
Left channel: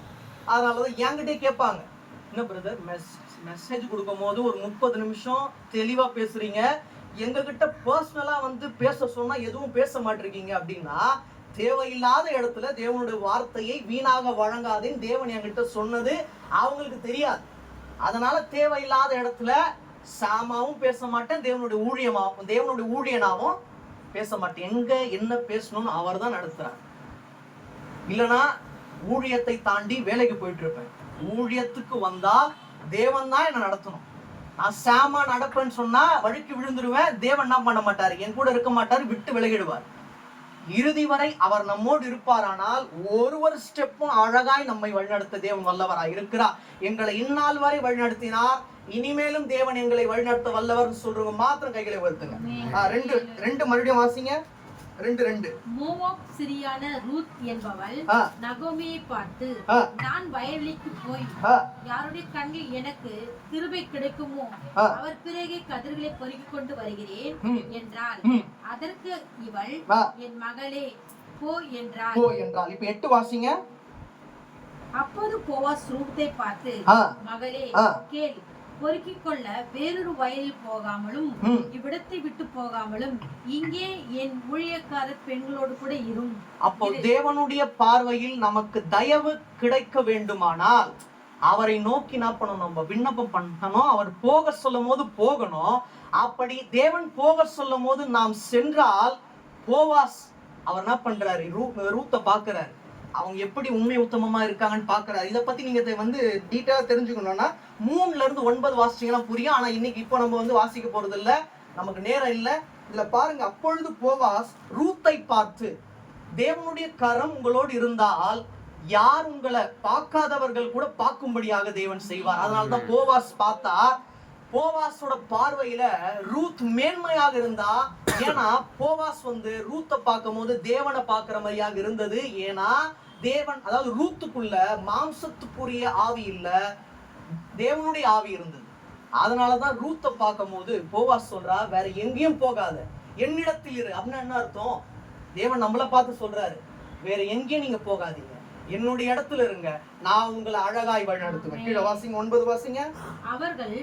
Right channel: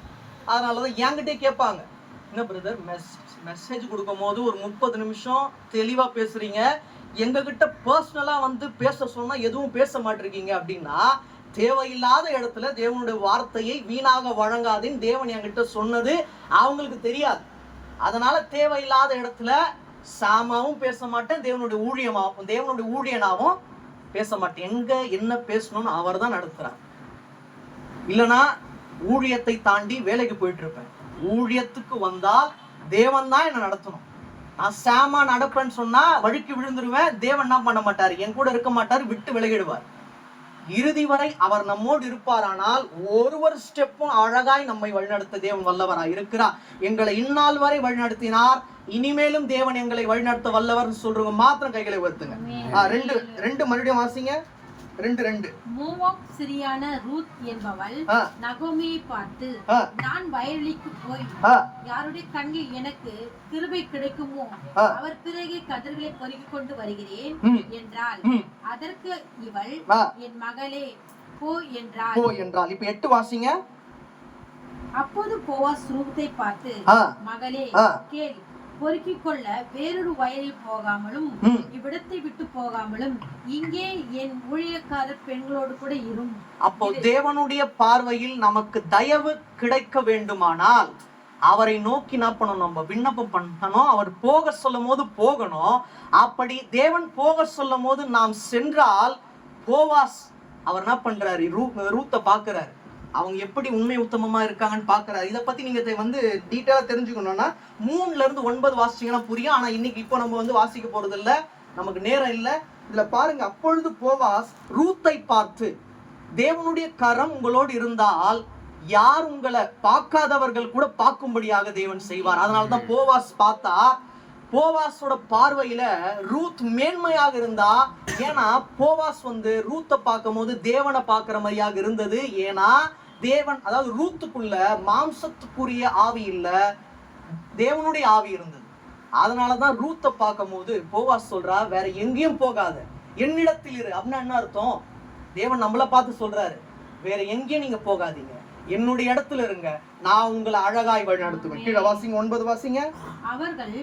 அதனாலதான் என்கிட்டே கேட்பாங்க, என்ன பிரதர் மெசேஜ் கொடுக்கும் போது ஒரு 30 நிமிஷம் தெளிவா பேசுறீங்க, எங்க கிட்ட பர்சனலா வந்து பேச சொன்னா எதுவும் பேச மாட்டிருக்கீங்க அப்படின்னா, தேவையில்லாத இடத்துல தேவனுடைய வார்த்தையை வீணாக வழங்காதேன்னு தேவன் என்கிட்ட சொன்னது அவங்களுக்கு தெரியாது. அதனால தேவையில்லாத இடத்துல சாமாவும் பேச மாட்டேன், தேவனுடைய ஊழியனாவும் பேச மாட்டேன். எங்க என்ன பேசணும்னு அவர் தான் நடத்துறார். இல்லைன்னா ஊழியத்தை தாண்டி வேலைக்கு போயிட்டு இருப்பேன். ஊழியத்துக்கு வந்தா தேவன் தான் என்ன நடத்தணும். நான் சாமா நடப்பேன்னு சொன்னா வழுக்கி விழுந்துருவேன். தேவன் என்ன பண்ண மாட்டாரு, என் கூட இருக்க மாட்டாரு, விட்டு விலகிடுவார். இறுதி வரை அவர் நம்மோடு இருப்பாரானால் ஒரு ஸ்டெப்பும் அழகாய் நம்மை வழிநடத்த தேவன் வல்லவராய் இருக்கிறார். எங்களை இந்நாள் வரை வழிநடத்தினார், இனிமேலும் தேவன் எங்களை வழிநடத்த வல்லவர் சொல்றவங்க மாத்திரம் கைகளை உயர்த்துங்க. ரெண்டு மறுபடியும் வாசிங்க. 2:2. மோவாப் சிரியான ரூத் என்பவள் நகோமியை பார்த்து, நான் வயல்வெளிக்கு போய் யாருடைய கண்ணில் எனக்கு கிருபை கிடைக்குமோ அவர் பிறகு கதிர்களை பொறுக்கிக் கொண்டு வருகிறேன் என்றாள். அதற்கு இவள், என் மகளே போ என்றாள். இப்ப 8 வாசிங்க. அப்போது போவாஸ் ரூத்தை பார்த்து, மகளே கேள், பொறுக்கிக் கொள்ள வேறொரு வயலில் போகாமலும் இவ்விடத்தை விட்டு போகாமலும் இங்கே என் ஊழியக்காரர் பெண்களோடு கூட இரும். அப்போ தேவனுடைய பார்வையில் நமக்கு தயவு கிடைக்க வேண்டுமானால் அவரை நோக்கி என்ன பண்ணணும், நம்ம விண்ணப்பம் பண்ணணும். அவர் போக சொல்லும் போது போகணும். அப்படி தேவன் போக சொல்லும் போது நாம் சென்றால் போவாஸ் அவர் என்ன பண்றாரு, ரூத்தை பாக்குறாரு, அவங்க எப்படி உண்மை உத்தமமா இருக்காங்கன்னு பாக்குறாரு. இதை பத்தி நீங்க டீட்டெயிலா தெரிஞ்சுக்கணும்னா 3-9 வாசிச்சீங்கன்னா புரியும். ஆனா இன்னைக்கு இப்போ நம்ம வாசிக்க போறது இல்ல, நமக்கு நேரம் இல்ல. இதுல பாருங்க, அப்பொழுது போவாஸ் ரூத்தை பார்த்து, தேவனுடைய கரம் உங்களோடு இருந்தால் யார் உங்களை பார்க்காதவர்கள் கூட பார்க்கும்படியாக தேவன் செய்வார். அதனாலதான் போவாஸ் பார்த்தா, போவாஸோட பார்வையில ரூத் மேன்மையாக இருந்தா. ஏன்னா போவாஸ் ரூத்தை பார்க்கும் போது தேவனை பார்க்கிற மாதிரியாக இருந்தது. ஏன்னா தேவன், அதாவது ரூத்துக்குள்ள மாம்சத்துக்குரிய ஆவி இல்ல, தேவனுடைய ஆவி இருந்தது. அதனாலதான் ரூத்தை பார்க்கும் போது போவாஸ் சொல்றா, வேற எங்கேயும் போகாத, என்னிடத்தில் இரு. அப்படின்னா என்ன அர்த்தம், தேவன் நம்மளை பார்த்து சொல்றாரு, வேற எங்கேயும் நீங்க போகாதீங்க, என்னுடைய இடத்துல இருங்க, நான் உங்களை அழகாய் வழி நடத்துவேன். கீழே வாசிங்க, 9 வாசிங்க. அவர்கள்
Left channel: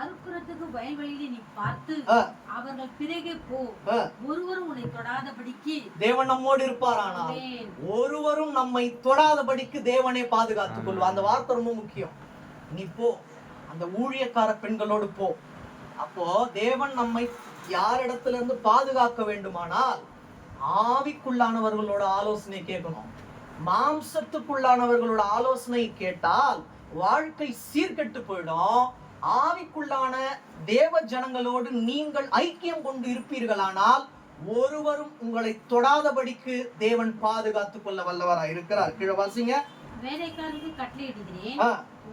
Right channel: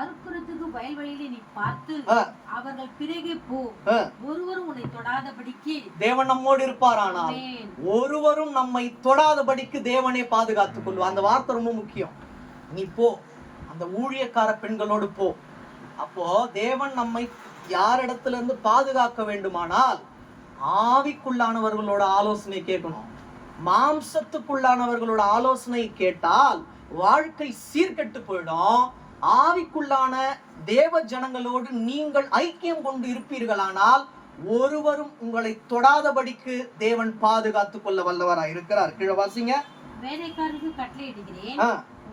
அறுக்குறதுக்கு வயல்வெளியிலே நீ பார்த்து அவர்கள் பிறகே போ, ஒருவரும் உன்னை தொடாதபடிக்கு தேவன் நம்மோடு இருப்பாரானால் ஒருவரும் நம்மை தொடாதபடிக்கு தேவனே பாதுகாத்துக் கொள்வார். அந்த வார்த்தை ரொம்ப முக்கியம். நீ போ, அந்த ஊழியக்கார பெண்களோடு போ. அப்போ தேவன் நம்மை யாரிடத்துல இருந்து பாதுகாக்க வேண்டுமானால் ஆவிக்குள்ளானவர்களோட ஆலோசனை கேட்கணும். மாம்சத்துக்குள்ளானவர்களோட ஆலோசனை கேட்டால் வாழ்க்கை சீர்கெட்டு போயிடும். ஆவிக்குள்ளான தேவ ஜனங்களோடு நீங்கள் ஐக்கியம் கொண்டு இருப்பீர்களானால் ஒருவரும் உங்களை தொடாதபடிக்கு தேவன் பாதுகாத்துக் கொள்ள வல்லவராய் இருக்கிறார். கீழே வாசிங்க. வேலைக்காரருக்கு கட்டளையிடுகிறேன்,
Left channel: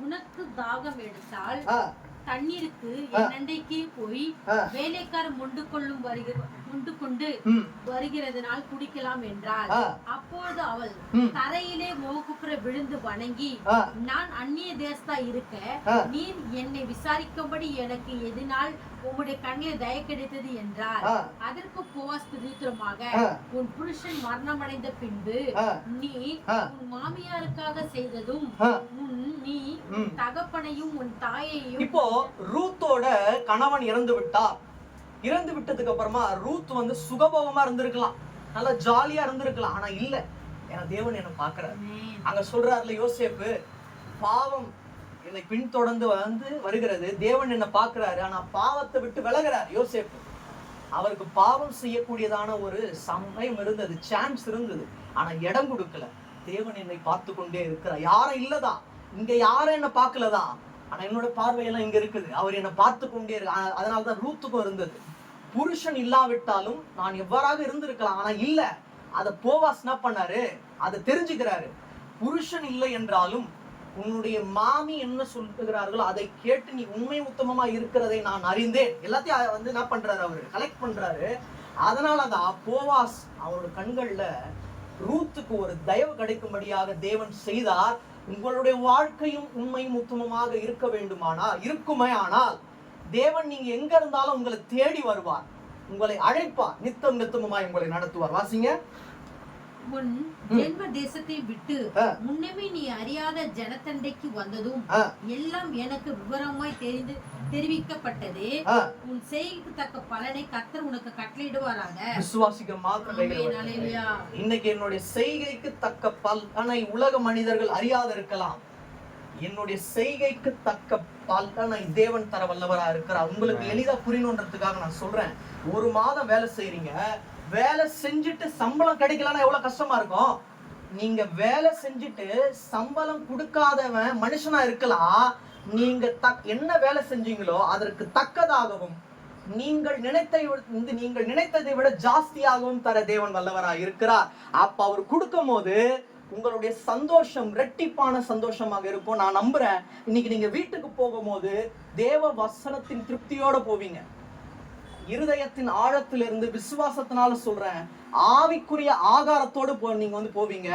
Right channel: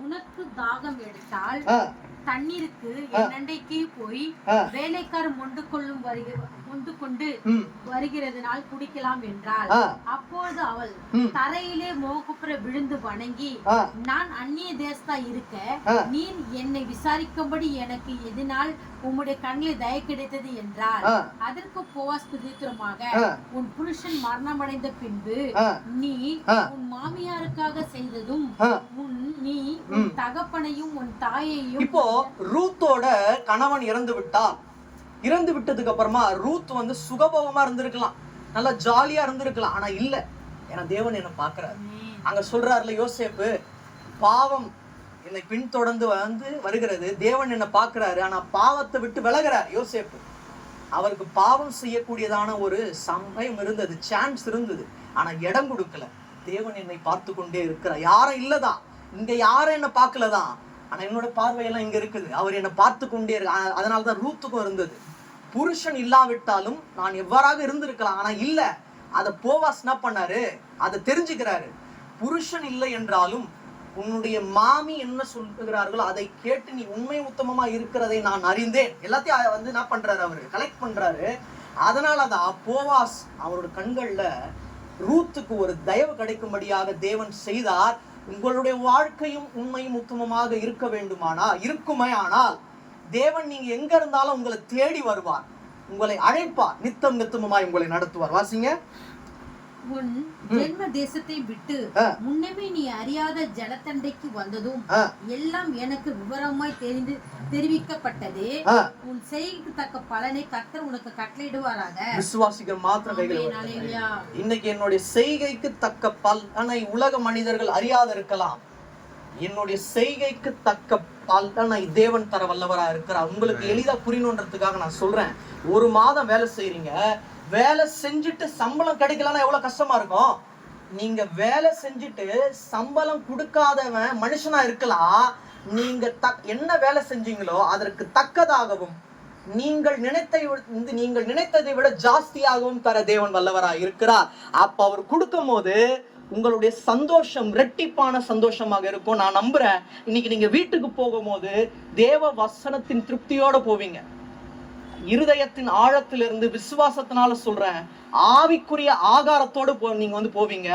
உனக்கு தாகம் எடுத்தால் தண்ணீருக்கு என் அண்டைக்கு போய் வேலைக்காரர் மொண்டு கொண்டு வருகிறதுனால் குடிக்கலாம் என்றாள். அப்பொழுது அவள் தரையிலே முகக்குப்புற விழுந்து வணங்கி, நான் அந்நிய தேசத்தா இருக்க நீர் என்னை விசாரிக்கும்படி எனக்கு எதனால் உம்முடைய கண்ணில் தய கிடைத்தது என்றார். அதற்கு போவாஸ் பிரதித்திரமாக, உன் புருஷன் மரணமடைந்த பின்பு நீ உன் மாமியாருக்காக செய்ததும் நீ உன் தகப்பனையும் உன் தாயையும். இப்போ ரூத்தோட கணவன் இறந்து விட்டார். இறந்து விட்டதுக்கு அப்புறமா ரூத் சுகபோகமா இருந்திருக்கலாம், நல்லா ஜாலியா இருந்திருக்கலாம். ஆனா இல்ல, ஏன்னா தேவன் என்ன பாக்குறாரு. அங்க சொல்றாருல யோசேப்பு, பாவம் என்னை பின்தொடர்ந்து வருகிறது, தேவன் என்ன பாக்குறாரு. ஆனா பாவத்தை விட்டு விலகிறார் யோசேப்பு. அவருக்கு பாவம் செய்யக்கூடியதான ஒரு சமயம் இருந்தது, சான்ஸ் இருந்தது. ஆனா இடம் கொடுக்கல. தேவன் என்னை பார்த்து கொண்டே இருக்கிறார். யாரும் இல்லதான், இங்க யாரும் என்ன பார்க்கலதான், ஆனா என்னோட பார்வையெல்லாம் இங்க இருக்குது, அவர் என்னை பார்த்து கொண்டே இருக்கு. அதனாலதான் ரூத்துக்கும் இருந்தது. புருஷன் இல்லாவிட்டாலும் நான் எவ்வாறாக இருந்திருக்கலாம், ஆனா இல்ல. அத போவாஸ் என்ன பண்ணாரு, அதை தெரிஞ்சுக்கிறாரு. புருஷன் இல்லை என்றாலும் உன்னுடைய மாமி என்ன சொல்லுகிறார்களோ அதை கேட்டு நீ உண்மை உத்தமமா இருக்கிறதை நான் அறிந்தேன். எல்லாத்தையும் என்ன பண்றாரு, அவரு கலெக்ட் பண்றாரு. அதனாலதான் போவாஸ் அவரோட கண்கள்ல ரூத்துக்கு ஒரு தயவு கிடைக்கும்படியாக தேவன் செய்தார். உங்களுடைய வாழ்க்கையும் உண்மையும் உத்தமமாக இருக்க வேண்டுமானா இருக்குமே ஆனால் தேவன் நீங்க எங்க இருந்தாலும் உங்களை தேடி வருவார், உங்களை அழைப்பார், நித்தம் நித்தமமாய் உங்களை நடத்துவார். வாசிங்க. உன் ஜென்ம தேசத்தை விட்டு முன்னமே நீ அறியாத ஜனத்தண்டைக்கு வந்ததும் எல்லாம் எனக்கு விவரமாய் தெரிவிக்கப்பட்டதே. உன் செய்கைக்கு தக்க பலனை கர்த்தர் உனக்கு கட்டளையிடுவாராக. விசுவாசிகள் மாத்திரம். இன்னைக்கு என்னுடைய செய்கைக்கு தக்க பலனை உலக மனிதர்கள் அறியாத இருக்கலாம், என்னுடைய செய்கைக்கு தக்க பலனை தேவன் தர வல்லவரா இருக்கிறார். உங்களுக்கு எளிதா புரியணுன்றதுக்காக நான் சொல்றேன். 1 மாதம் வேலை செய்றீங்க, வேலை செஞ்சுட்டு சம்பளம் கிடைக்கலன்னா எவ்வளவு கஷ்டமா இருக்கும். நீங்க வேலை செஞ்சுட்டு சம்பளம் கொடுக்காதவன் மனுஷனா இருக்கலாம், நீங்க என்ன வேலை செஞ்சீங்களோ அதற்கு தக்கதாகவும் நீங்கள் நினைத்ததை விட ஜாஸ்தியாகவும் தர தேவன் வல்லவராய் இருக்கிறார். அப்ப அவர் கொடுக்கும் போது உங்களுடைய சந்தோஷம் இரட்டிப்பான சந்தோஷமாக இருக்கும். நான் நம்புறேன் இன்னைக்கு நீங்க வீட்டுக்கு போகும்போது தேவ வசனத்தின் திருப்தியோட போவீங்க. இருதயத்தின் ஆழத்திலிருந்து விசுவாசத்தினால சொல்றேன், ஆவிக்குரிய ஆகாரத்தோடு நீங்க போவீங்க.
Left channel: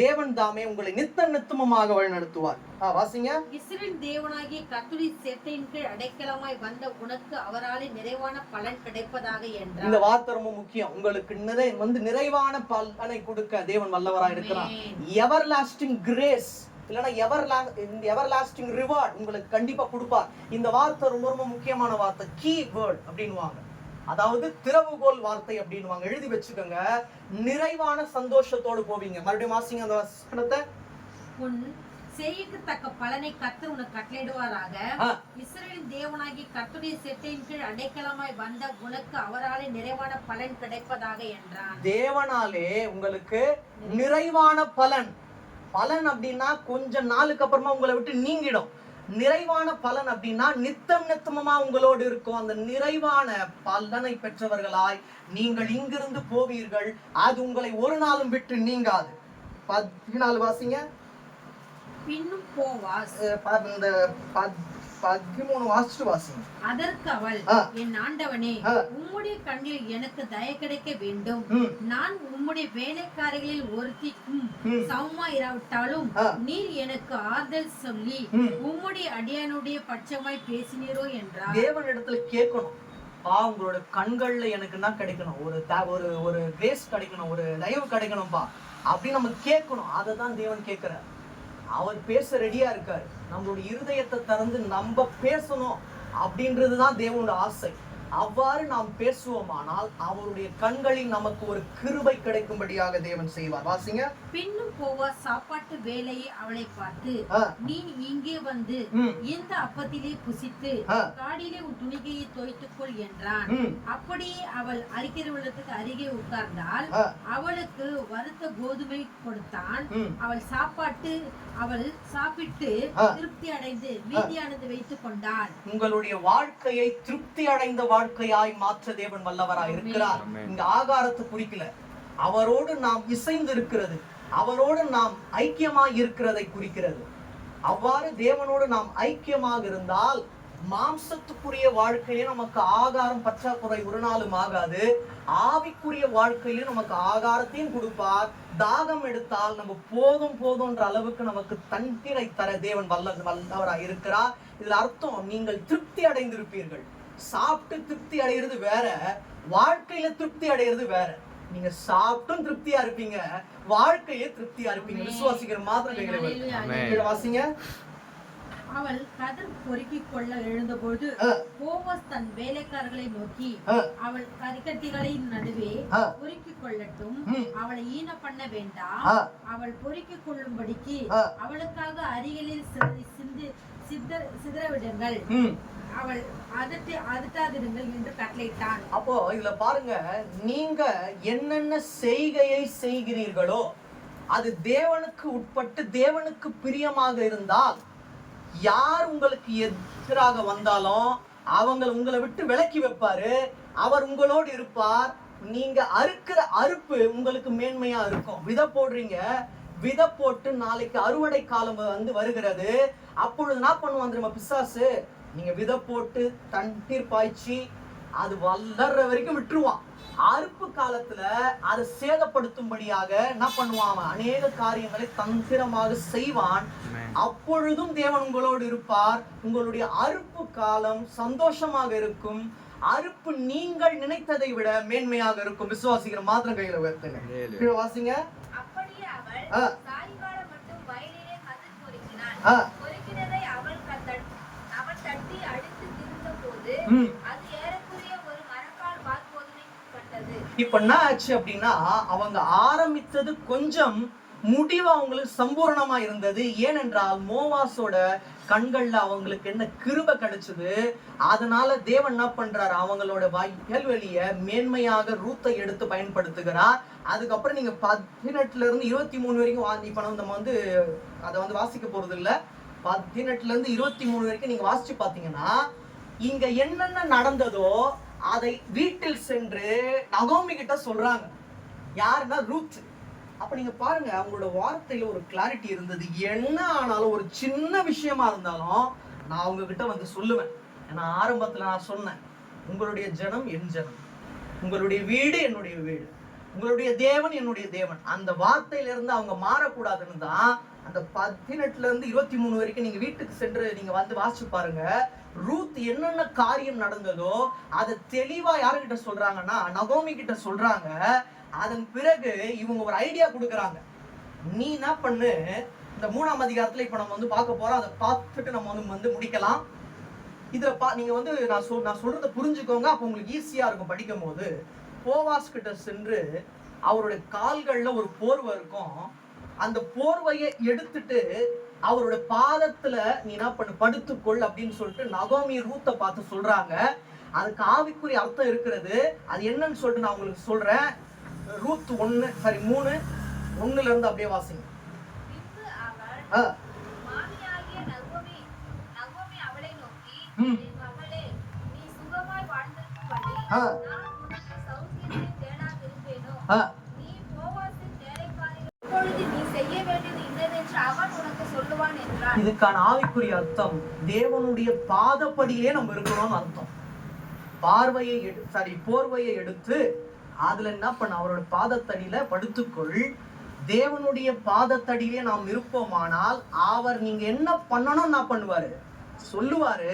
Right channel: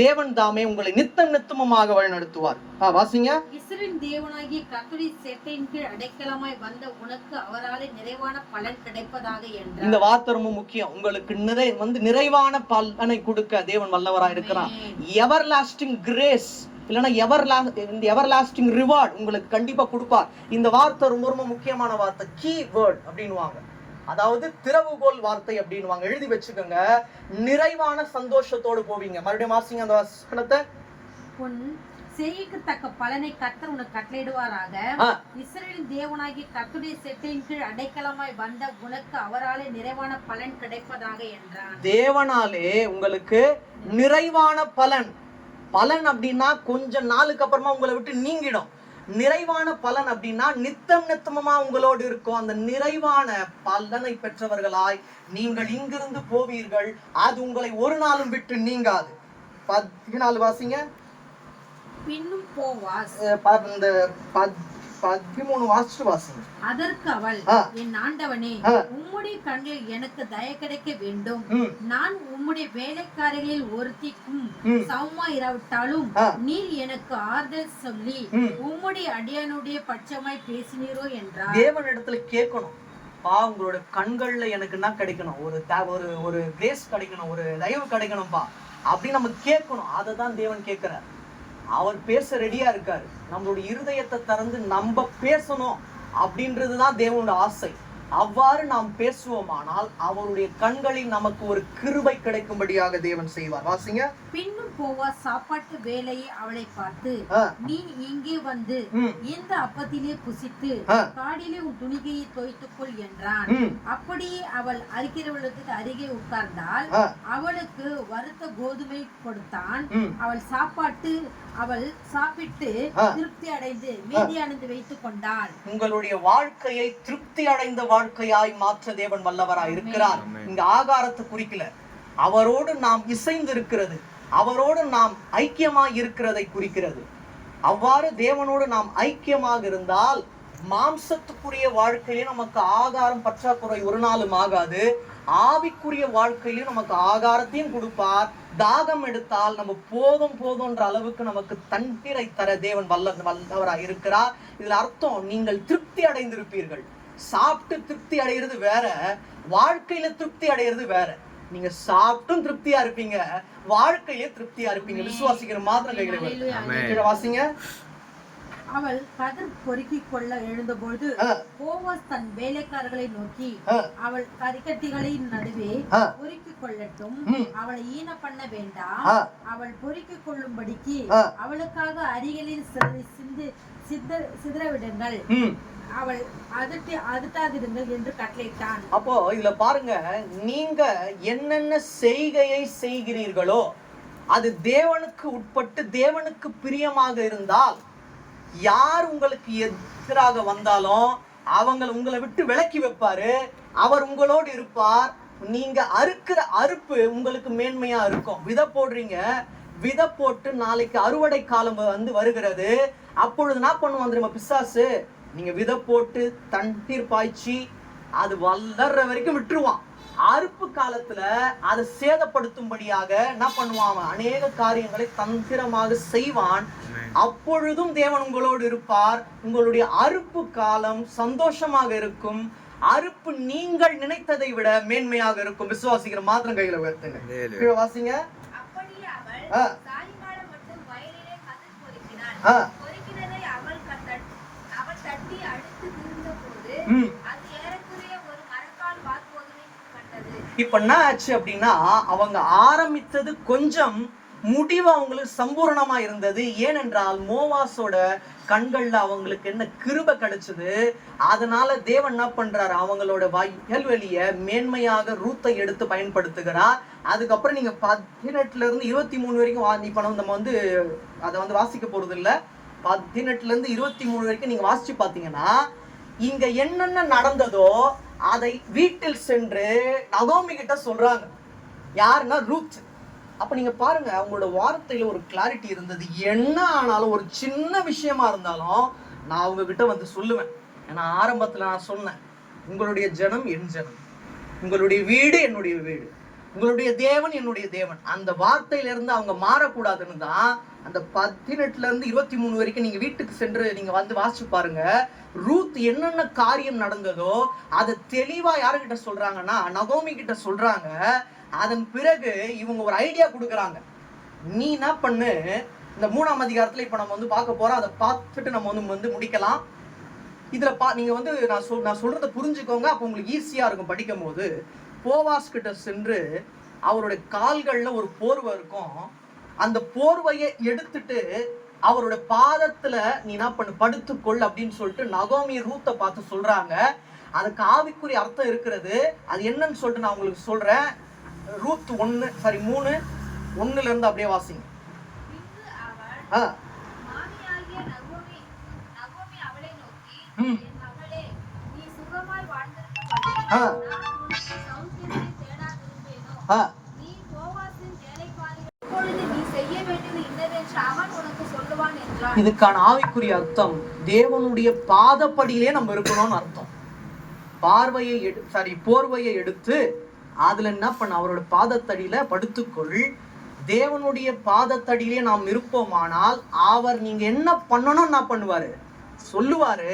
தேவன் தாமே உங்களை நித்தமுமாக வழி நடத்துவார். வாசிங்க. இஸ்ரவேலின் தேவனாகிய கர்த்தருடைய சேட்டையின் கீழ் அடைக்கலமாய் வந்த உனக்கு அவராலே நிறைவான பலன் கிடைப்பதாக என்றார். இந்த வார்த்தை ரொம்ப முக்கியம். உங்களுக்கு நிறைவான பலனை கொடுக்க தேவன் வல்லவராய் இருக்கிறார். எவர் லாஸ்டிங் கிரேஸ் இல்லைன்னா எவர் லாஸ்டிங் ரிவார்ட் உங்களுக்கு கண்டிப்பா கொடுப்பார். இந்த வார்த்தை ரொம்ப ரொம்ப முக்கியமான வார்த்தை, கீ வேர்ட் அப்படின்னுவாங்க. அதாவது திறவுகோல் வார்த்தை அப்படின்னுவாங்க. எழுதி வச்சுக்கோங்க. நிறைவான சந்தோஷத்தோடு போவீங்க. மறுபடியும் வாசிங்க அந்த வசனத்தை. உன் செய்கைக்கு தக்க பலனை கர்த்தர் உனக்கு கட்டளையிடுவாராக. இஸ்ரவேலின் தேவனாகிய கர்த்தருடைய சேட்டையின் கீழ் அடைக்கலமாய் வந்த உனக்கு அவராலே நிறைவான பலன் கிடைப்பதாக என்றான். தேவனாலே உங்களுக்கு நிறைவான பலன். பலன் அப்படின்னா கொஞ்ச நாளுக்கு அப்புறமா உங்களை விட்டு நீங்கிடும். நிறைவான பலன் அப்படின்னா நித்தமா உங்களோடு இருக்கும். அந்த நிறைவான பலனை பெற்றவர்களாய் நீங்கள் இங்கிருந்து போவீர்கள். அது உங்களை ஒரு நாளும் விட்டு நீங்காது. 14 வாசிங்க. பின்னும் போவாஸ் இந்த 13 வாசிச்சு வாசிங்க. அதற்கு அவள், என் ஆண்டவனே, உம்முடைய கண்களில் எனக்கு தயை கிடைக்க வேண்டும். நான் உம்முடைய வேலைக்காரிகளில் ஒருத்திக்கும் சமமா இராவிட்டாலும் நீர் எனக்கு ஆறுதல் சொல்லி உம்முடைய அடியானுடைய பட்சமாய் பேசினீரோ என்றார். தேவனிடத்துல கேட்கணும், உங்களோட கண்கள்ல எனக்கு என்ன கிடைக்கணும், ஒரு கிரேஸ் கிடைக்கணும், ஒரு தயவு கிடைக்கணும்பா அப்படின்னு நம்ம கேட்கணும். அதுதான் தேவன் கேட்கிறார். அவர் பேச ரெடியா இருக்காரு. நம்மளுடைய இருதயத்தை திறந்து நம்ம பேசணும் அப்படின்றதுதான் தேவனுடைய ஆசை. அவ்வாறு நாம் பேசுவோமானால் அவருடைய கண்களில் நமக்கு ஒரு கிருபை கிடைக்கும்படியாக தேவன் செய்வார். வாசிங்க. பின்னும் போவா சாப்பாட்டு வேலையை அவளை பார்த்து, நீ இங்கே வந்து இந்த அப்பத்திலே புசித்து காடிலே உன் துணிகையை தோய்த்துக்கொள் என்றான். அப்படியே அவள் அரிக்கிறவளுக்கு அருகே உட்கார்ந்தாள். அவளுக்கு வறுத்த கோதுமை கொடுத்தான். அவள் சாப்பிட்டு திருப்தி அடைந்து மீதியானது வைத்துக் கொண்டாள். உங்களுடைய வாழ்க்கையை திருப்தி அடைந்த வாழ்க்கையாய் மாற்ற தேவன் வல்லவராய் இருக்கிறார். இந்த ஆகாரத்தை குறிக்கல, அவரோடு நாம் இசைந்து இருக்கிறது, அவரோடு நாம் ஐக்கியமாய் இருக்கிறதை குறிக்கிறது. அவ்வாறு தேவனோடு நாம் ஐக்கியமாக இருந்தால் மாம்சத்துக்குரிய வாழ்க்கையிலே நமக்கு ஆகாரம் பற்றாக்குறை ஒரு நாளும் ஆகாது. ஆவிக்குரிய வாழ்க்கையிலே நமக்கு ஆகாரத்தையும் கொடுப்பார். தாகம் எடுத்தால் நம்ம போதும்ன்ற அளவுக்கு நமக்கு தண்ணீரை தர தேவன் வல்லவராய் இருக்கிறார். இதுல அர்த்தம், நீங்கள் திருப்தி அடைந்திருப்பீர்கள். சாப்பிட்டு திருப்தி அடைகிறது வேற, வாழ்க்கையில திருப்தி அடைகிறது வேற. நீங்க சாப்பிட்டும் திருப்தியா இருப்பீங்க, வாழ்க்கையில திருப்தியா இருப்பீங்க. விசுவாசிக்கிற மாத்திரம் கைகளை வாசிங்க. அவள் கதிர் பொறுக்கிக் கொள்ள எழுந்தபொழுது போவாஸ் தன் வேலைக்காரர்களை நோக்கி, அவள் கரிக்கட்டிகளின் நடுவே பொறுக்கிக் கொள்ளட்டும், அவளை ஈன பண்ண வேண்டாம், அவள் பொறுக்கிக் கொள்ளும்படிக்கு அவளுக்காக அருகிலில் சிதறவிடுங்கள், அவள் அதட்டாதிருங்கள் என்று கட்டளையிட்டான். அப்போ இதுல பாருங்க, நீங்க என்னென்ன செய்கையை செய்கிறீர்களோ அது தேவனுக்கு உட்பட்டு தேவனுக்கு பிரியமாக இருந்தால், யார் உங்களுக்கு எதிராக வந்தாலும் அவங்க உங்களை விட்டு விலக்கி வைப்பாரு. அவர் உங்களோடு இருப்பார். நீங்க அறுக்கிற அறுப்பு உங்களுக்கு மேன்மையா இருக்கும். விதை போடுறீங்க, விதை போட்டு நாளைக்கு அறுவடை காலம் வருகிறது. அப்பொழுது என்ன பண்ணுவான் தெரியுமா பிசாசு? நீங்க விதை போட்டு தண்ணீர் பாய்ச்சி அது வளர்ற வரைக்கும் விட்டுருவான். அறுப்பு காலத்துல அதை சேதப்படுத்தும்படியாக என்ன பண்ணுவான்? அநேக காரியங்களை தந்திரமாக செய்வான். அப்பொழுதும் தேவன் உங்களோடு இருப்பார். உங்களுடைய அறுப்பு காலம் சந்தோஷமாக இருக்கும். அறுப்பு நீங்கள் நினைத்ததை விட மேன்மையாக இருக்கும். விசுவாசிக்கிற மாத்திரம் கையில உயர்த்துங்க. வாசிங்க. அப்படியே அவள் சாயங்காலம் மட்டும் வயலிலே கதிர் பொறுக்கினாள். பொறுக்கினதை அவள் தட்டி அடித்து திருந்த போது அது ஏறக்குறைய ஒரு மரக்கால் வார்கோதுமை கண்டது. இப்ப என்ன ஆச்சு அப்படின்னா, அவங்க ஆரம்பித்தது கொஞ்சம், முடிவு அவங்களுக்கு சம்பூர்ணமா இருந்தது. ஏனென்றால் மோவாசோட கண்கள்ல அவங்களுக்கு என்ன கிருபை கிடைச்சது. அதனால தேவன் என்ன பண்றாரு? அவங்களோட வயல்வெளிய மேன்மையாக ரூத்தை எடுத்து பயன்படுத்துகிறார். அதுக்கப்புறம் நீங்க 18 இருந்து 23 வரைக்கும் இப்ப நம்ம அதை வாசிக்க போறது இல்ல. 18 இருந்து 23 வரைக்கும் நீங்க வாசிச்சு பாத்தீங்கன்னா இங்க என்னென்ன நடந்ததோ அதை வீட்டில் சென்று நகோமி கிட்ட சொல்றாங்க. யாருன்னா ரூத். அப்ப நீங்க பாருங்க, அவங்களோட வார்த்தையில ஒரு கிளாரிட்டி இருந்தது. என்ன ஆனாலும் ஒரு சின்ன விஷயமா இருந்தாலும் நான் அவங்க கிட்ட வந்து சொல்லுவேன். ஏன்னா ஆரம்பத்துல நான் சொன்னேன், உங்களுடைய ஜனம் என் ஜனம், உங்களுடைய வீடு என்னுடைய வீடு, உங்களுடைய தேவன் என்னுடைய தேவன். அந்த வார்த்தையில இருந்து அவங்க மாறக்கூடாதுன்னு தான் அந்த 18 இருந்து 23 வரைக்கும் நீங்க வீட்டுக்கு சென்று நீங்க வந்து வாசிச்சு பாருங்க. ரூத் என்னென்ன காரியம் நடந்ததோ அதை தெளிவா யாருகிட்ட சொல்றாங்கன்னா நகோமி கிட்ட சொல்றாங்க. அதன் பிறகு இவங்க ஒரு ஐடியா கொடுக்குறாங்க. நீ என்ன பண்ணு, இந்த 3ஆம் அதிகாரத்துல இப்ப நம்ம வந்து பார்க்க போறோம். அதை பார்த்துட்டு நம்ம வந்து முடிக்கலாம். இதுல நீங்க வந்து நான் சொல்றதை புரிஞ்சுக்கோங்க. அப்போ உங்களுக்கு ஈஸியா இருக்கும் படிக்கும் போது. போவாஸ் கிட்ட சென்று அவருடைய கால்கள்ல ஒரு போர்வை இருக்கும். அந்த போர்வையை எடுத்துட்டு அவருடைய பாதத்துல நீ என்ன பண்ணு, படுத்துக்கொள் அப்படின்னு சொல்லிட்டு நகோமி ரூத்தை பார்த்து சொல்றாங்க. அதுக்கு ஆவிக்குரிய அர்த்தம் இருக்கிறது. அது என்னன்னு சொல்லிட்டு நான் உங்களுக்கு சொல்றேன். ரூத் 3:1 இருந்து அப்படியே வாசிங்க. இதுக்கான ஆவிக்குரிய அர்த்தம் தேவனுடைய பாதப்படியிலே நம்ம இருக்கணும்னு அர்த்தம். போர்வையை எடுத்து அதுல என்ன பண்ண, அவரோட பாதத்தடியில படுத்துக்கொள். தேவனுடைய பாதத்தடியிலே நாம் இருப்போமானால் அவர் நீங்க என்ன பண்ணணும் என்ன பண்ணுவாரு சொல்லுவாரு.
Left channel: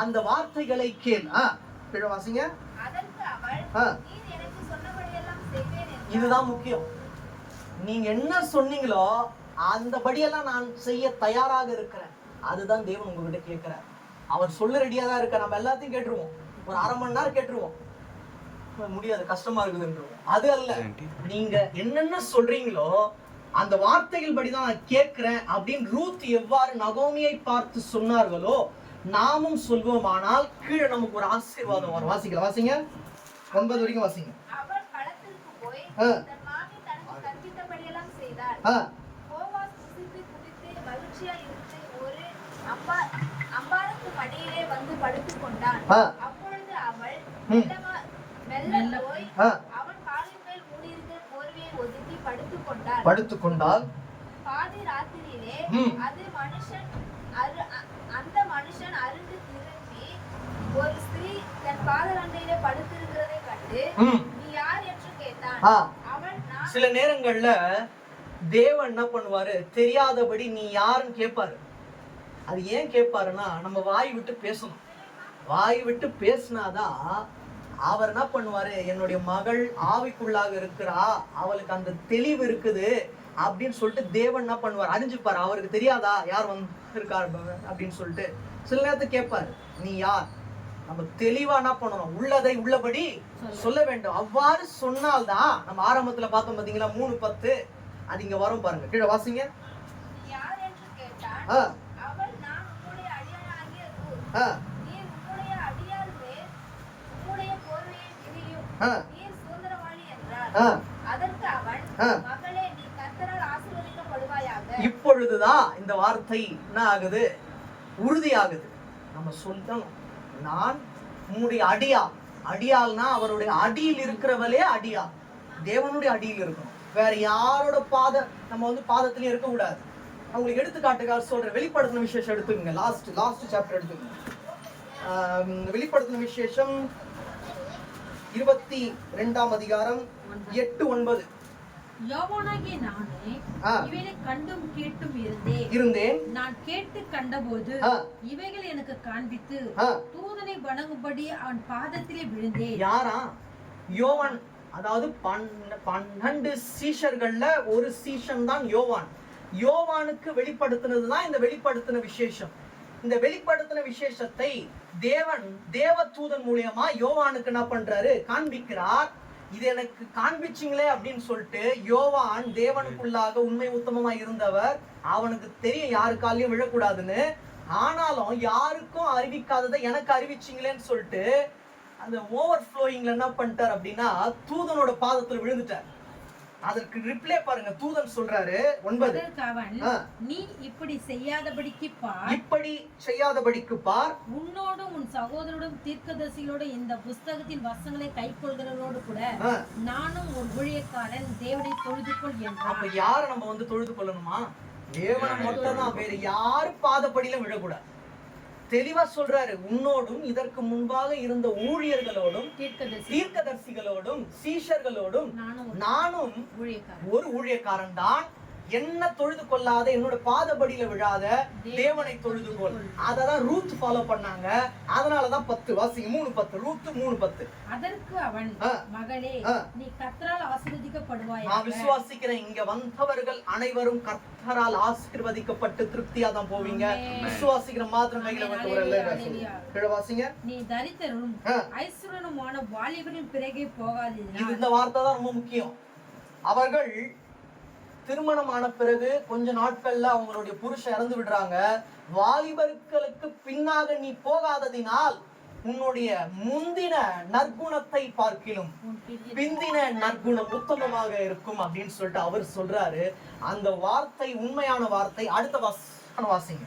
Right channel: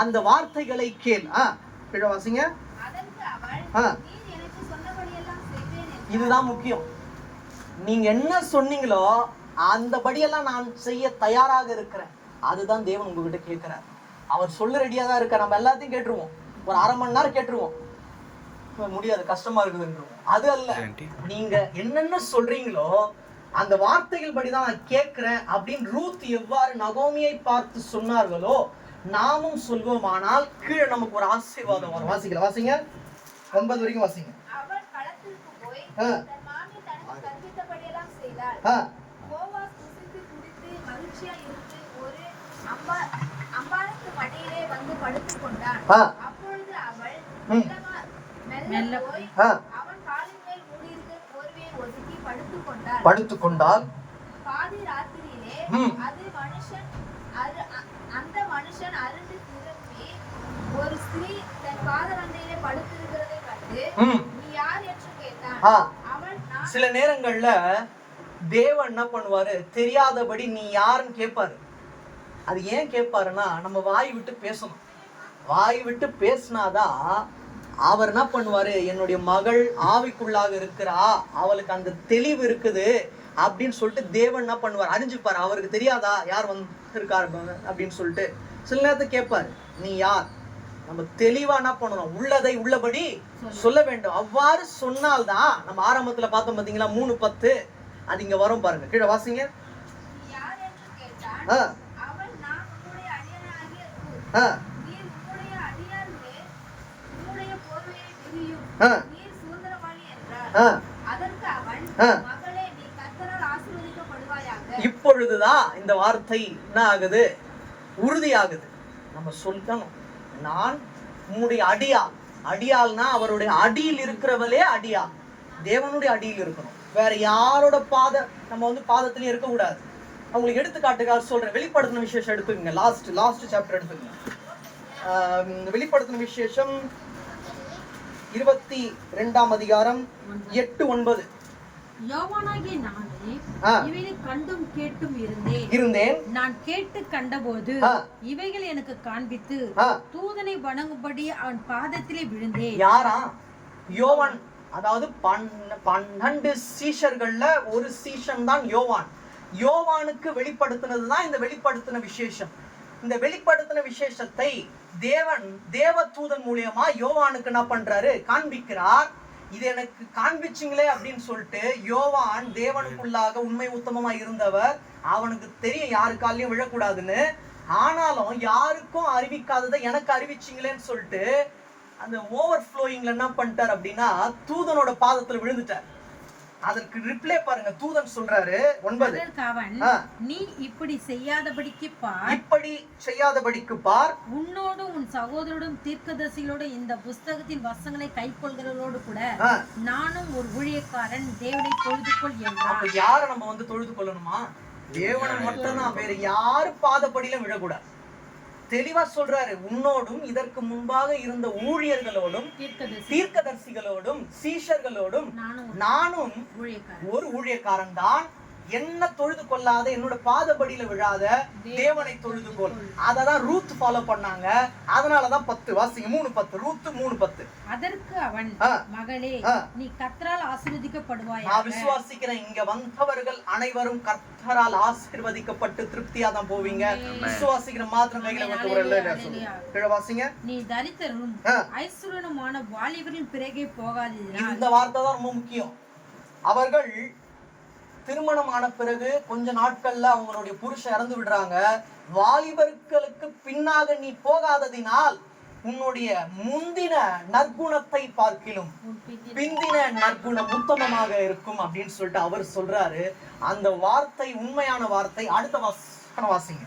அந்த வார்த்தைகளை கேள். வாசிங்க. இதுதான் முக்கியம். நீங்க என்ன சொன்னீங்களோ அந்த படியெல்லாம் நான் செய்ய தயாராக இருக்கிறேன். அதுதான் தேவன் உங்ககிட்ட கேட்கிறார். அவர் சொல்ல ரெடியா தான் இருக்க. நம்ம எல்லாத்தையும் கேட்டுருவோம், ஒரு அரை மணி நேரம் கேட்டுருவோம், முடியாது கஷ்டமா இருக்குது. அது அல்ல, நீங்க என்னென்ன சொல்றீங்களோ அந்த வார்த்தைகள் படிதான் நான் கேட்கிறேன் அப்படின்னு ரூத் எவ்வாறு நகோமியை பார்த்து சொன்னார்களோ நாமும் சொல்வோமானால் கீழே நமக்கு ஒரு ஆசீர்வாதம் வரும். வாசிங்க 9 வரைக்கும் வாசிங்க. படுத்துக்கொண்டால் ஒரு ஸ்திரீ தன் பாதர் அண்டையிலே படுத்திருக்கிறதை கண்டு நீ யார் என்று கேட்டான். சில நேரங்கள்ல தேவன் என்ன பண்ணுவாரு, தெரியாதபடி நீ யாருன்னு கேட்பாரு. அது ஏன் கேட்பாருன்னா நம்ம வாய் விட்டு பேசணும். வாய் விட்டு பேசினாதான் அவர் என்ன பண்ணுவாரு, என்னுடைய மகள் ஆவிக்குள்ளாக இருக்கிறா, அவளுக்கு அந்த தெளிவு இருக்குது அப்படின்னு சொல்லிட்டு தேவன் என்ன பண்ணுவார், அறிஞ்சுப்பாரு. அவருக்கு தெரியாதா யார் வந்திருக்காரு அப்படின்னு சொல்லிட்டு சில நேரத்துக்கு கேட்பாரு, நீ யார். நம்ம தெளிவா என்ன பண்ணணும், உள்ளதை உள்ளபடி சொல்ல வேண்டும். அவ்வாறு சொன்னால்தான் நம்ம ஆரம்பத்துல பார்த்தோம் பாத்தீங்களா 3:10, அது இங்க வரும் பாருங்க. கீழே வாசிங்க. இப்பொழுதுதான் இந்த வார்த்தை என்ன ஆகுது, உறுதியாகுது. நம்ம சொல்லணும், நான் உன்னுடைய அடியாள். அடியாள்னா அவருடைய அடியில் இருக்கிறவளே அடியாள், தேவனுடைய அடியில் இருக்கணும். வேற யாரோட நம்ம வந்து பாதத்திலே இருக்க கூடாது. அவங்களுக்கு எடுத்துக்காட்டுக்காக சொல்றேன். வெளிப்படுத்தின விசேஷம் எடுத்துக்கங்க. லாஸ்ட் சாப்டர் எடுத்துக்கங்க. வெளிப்படுத்தின விசேஷம் 22ஆம் அதிகாரம் 8-9. யோவானாகிய நானே இவைகளை கண்டும் கேட்டும் இருந்தேன். நான் கேட்டு கண்டபோது இவைகள் எனக்கு காண்பித்து தூதனை வணங்கும்படி அவன் பாதத்திலே விழுந்தேன். யாரா? யோவான். அதாவது 12 சீஷர்கள்ல ஒரு சீஷன் தான் யோவான். யோவானுக்கு வெளிப்படுத்தினதுதான் இந்த வெளிப்படுத்தின விசேஷம். இந்த வெளிப்படுத்தின விசேஷத்தை தேவ தூதன் மூலியமா யோவானுக்கு என்ன பண்றாரு, காண்பிக்கிறார். இது எனக்கு காண்பிச்சிங்களே அப்படின்னு சொல்லிட்டு யோவான் தேவனுக்குள்ளாக உண்மை உத்தமமா இருந்தவர். அவனுக்கு தெரியும் யாருக்காலையும் விழக்கூடாதுன்னு. ஆனாலும் யாருக்கும் அறிவிக்காததை எனக்கு அறிவிச்சிங்களேன்னு சொல்லிட்டு அந்த ஓவர் ஃப்ளோயிங்ல என்ன பண்ணிட்டார் அப்படின்னா தூதனோட பாதத்துல விழுந்துட்டார். அதற்கு ரிப்ளை பாருங்க, தூதன் சொல்றாரு 9. அதற்கு அவன், நீ இப்படி செய்யாதபடிக்கு பார், இப்படி செய்யாதபடிக்கு பார், உன்னோடும் உன் சகோதரோடும் தீர்க்கதரிசிகளோடு இந்த புஸ்தகத்தின் வசனங்களை கைக்கொள்கிறவர்களோடு கூட நானும் ஒரு ஊழியக்காரன், தேவனை தொழுது கொள் என்றான். அப்ப யார நம்ம வந்து தொழுது கொள்ளணுமா? தேவனை மட்டும் தான், வேற யாரு பாதப்படியிலும் விழக்கூடாது. தெளிவா சொல்றாரு, உன்னோடும் இதற்கு முன்பாக இருந்த ஊழியர்களோடும் தீர்க்கதரிசிகளோடும் சீஷர்களோடும் நானும் ஒரு ஊழியக்காரன் தான், என்ன தொழுது கொள்ளாத, என்னோட பாதபடியில விழாத தேவனை தொழுது கொள். அததான் ரூத் ஃபாலோ பண்ணாங்க. அதனாலதான் 10 வாசிங்க, 3:10, ரூத் 3:10. அதற்கு அவன், மகளே, நீ கர்த்தரால் ஆசீர்வதிக்கப்படுவாய். நான் விசுவாசிக்கிறேன், இங்க வந்தவர்கள் அனைவரும் கர்த்தரால் ஆசீர்வதிக்கப்பட்டு திருப்தியா தான் போவீங்க. விசுவாசிக்கிற மாத்திரமே வாசிங்க. நீ தரித்திரனும் ஐஸ்வர்யனுமான வாலிபர்களின் பிறகே போகாதீர்கள். இந்த வார்த்தை தான் ரொம்ப முக்கியம். அவர்கள் திருமணமான பிறகு கொஞ்ச நாட்கள்ல அவங்களுடைய புருஷன் இறந்து விடுறாங்க. வாலிபர்களுக்கு பின்னாக நீ போகாததினால் உன்னுடைய முந்தின நற்குணத்தை பார்க்கிலும் பிந்தின நற்குணம் உத்தமமாக இருக்கும் அப்படின்னு சொல்லிட்டு அவர் சொல்றாரு. அந்த வார்த்தை உண்மையான வார்த்தை. அடுத்த வாசிங்க.